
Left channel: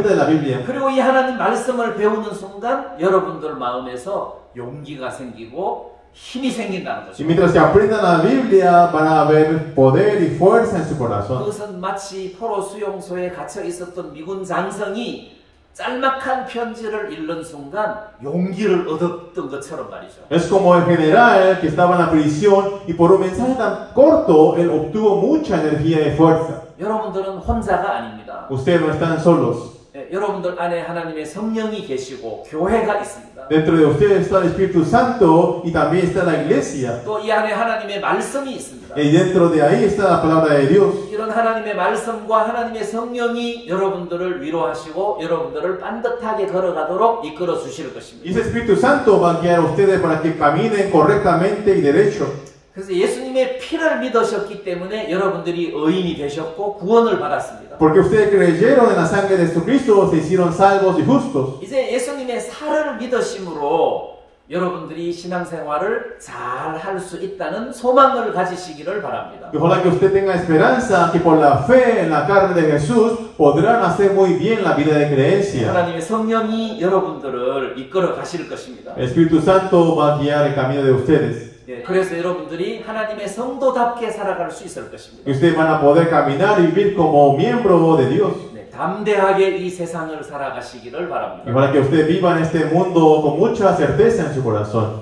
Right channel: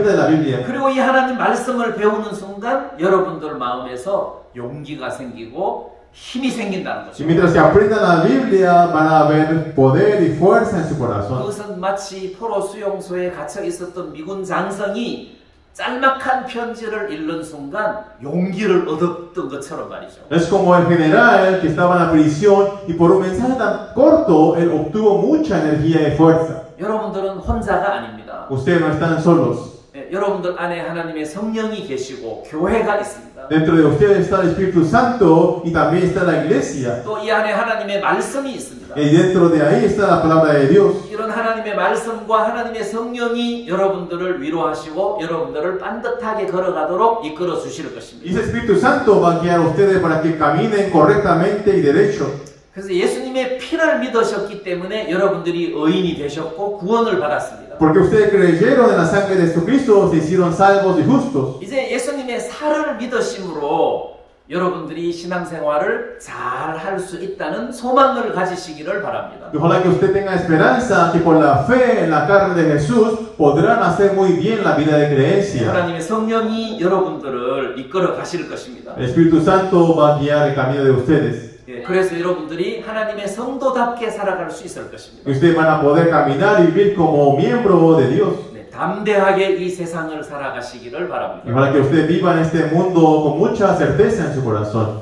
de la Biblia. 그리고 이 하나님 말씀을 배우는 순간 여러분들 마음에서 용기가 생기고 힘이 생긴다는 Y 거죠. mientras que aprendan la Biblia, van a ver poder y fuerza en su corazón. 그것은 마치 포로 수용소에 갇혀 있었던 미군 장성이 짤막한 편지를 읽는 순간 용기를 얻었던 것처럼 말이죠. Es como el general que estaba en la prisión y por un mensaje tan corto, él obtuvo mucha energía y fuerza. 여러분들은 혼자가 아닙니다. Ustedes no están solos. 여러분들 안에 하나님의 성령이 계시고 교회가 있습니다. Dentro de ustedes está el Espíritu Santo y también está la iglesia. 또 이 안에 하나님의 말씀이 있습니다. Y dentro de ahí está la palabra de Dios. 이런 하나님의 말씀과 하나님의 성령이 여러분들을 위로하시고 여러분들을 반듯하게 걸어가도록 이끌어 주실 Y 것입니다. ese Espíritu Santo va a guiar a ustedes para que caminen correctamente y derecho. 그래서 예수님의 피를 믿으셨기 때문에 여러분들이 의인이 되셨고 구원을 받았습니다. Porque ustedes creyeron en la sangre de Jesucristo, se hicieron salvos y justos. 이제 예수님의 살을 믿으심으로 여러분들이 신앙생활을 잘 할 수 있다는 소망을 가지시기를 바랍니다. Y ojalá que usted tenga esperanza que por la fe en la carne de Jesús podrán hacer muy bien la vida de creencia. 하나님의 성령이 여러분들을 이끌어 가실 것입니다. El Espíritu Santo va a guiar el camino de ustedes. 그래서 여러분들이 하나님의 성도답게 살아갈 수 있을 것입니다. Y ustedes van a poder caminar y vivir como miembro de Dios. 담대하게 이 세상을 살아가시기를 바랍니다. Y para que usted viva en este mundo con mucha certeza en su corazón.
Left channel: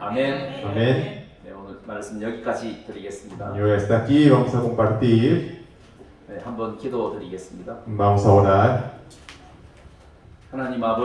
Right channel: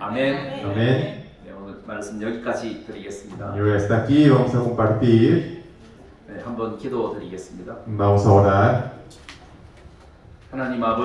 아멘. Amén. 네, 오늘 말씀 여기까지 드리겠습니다. Y hasta aquí vamos a compartir. 네, 한번 기도드리겠습니다. Vamos a orar. 하나님 아버지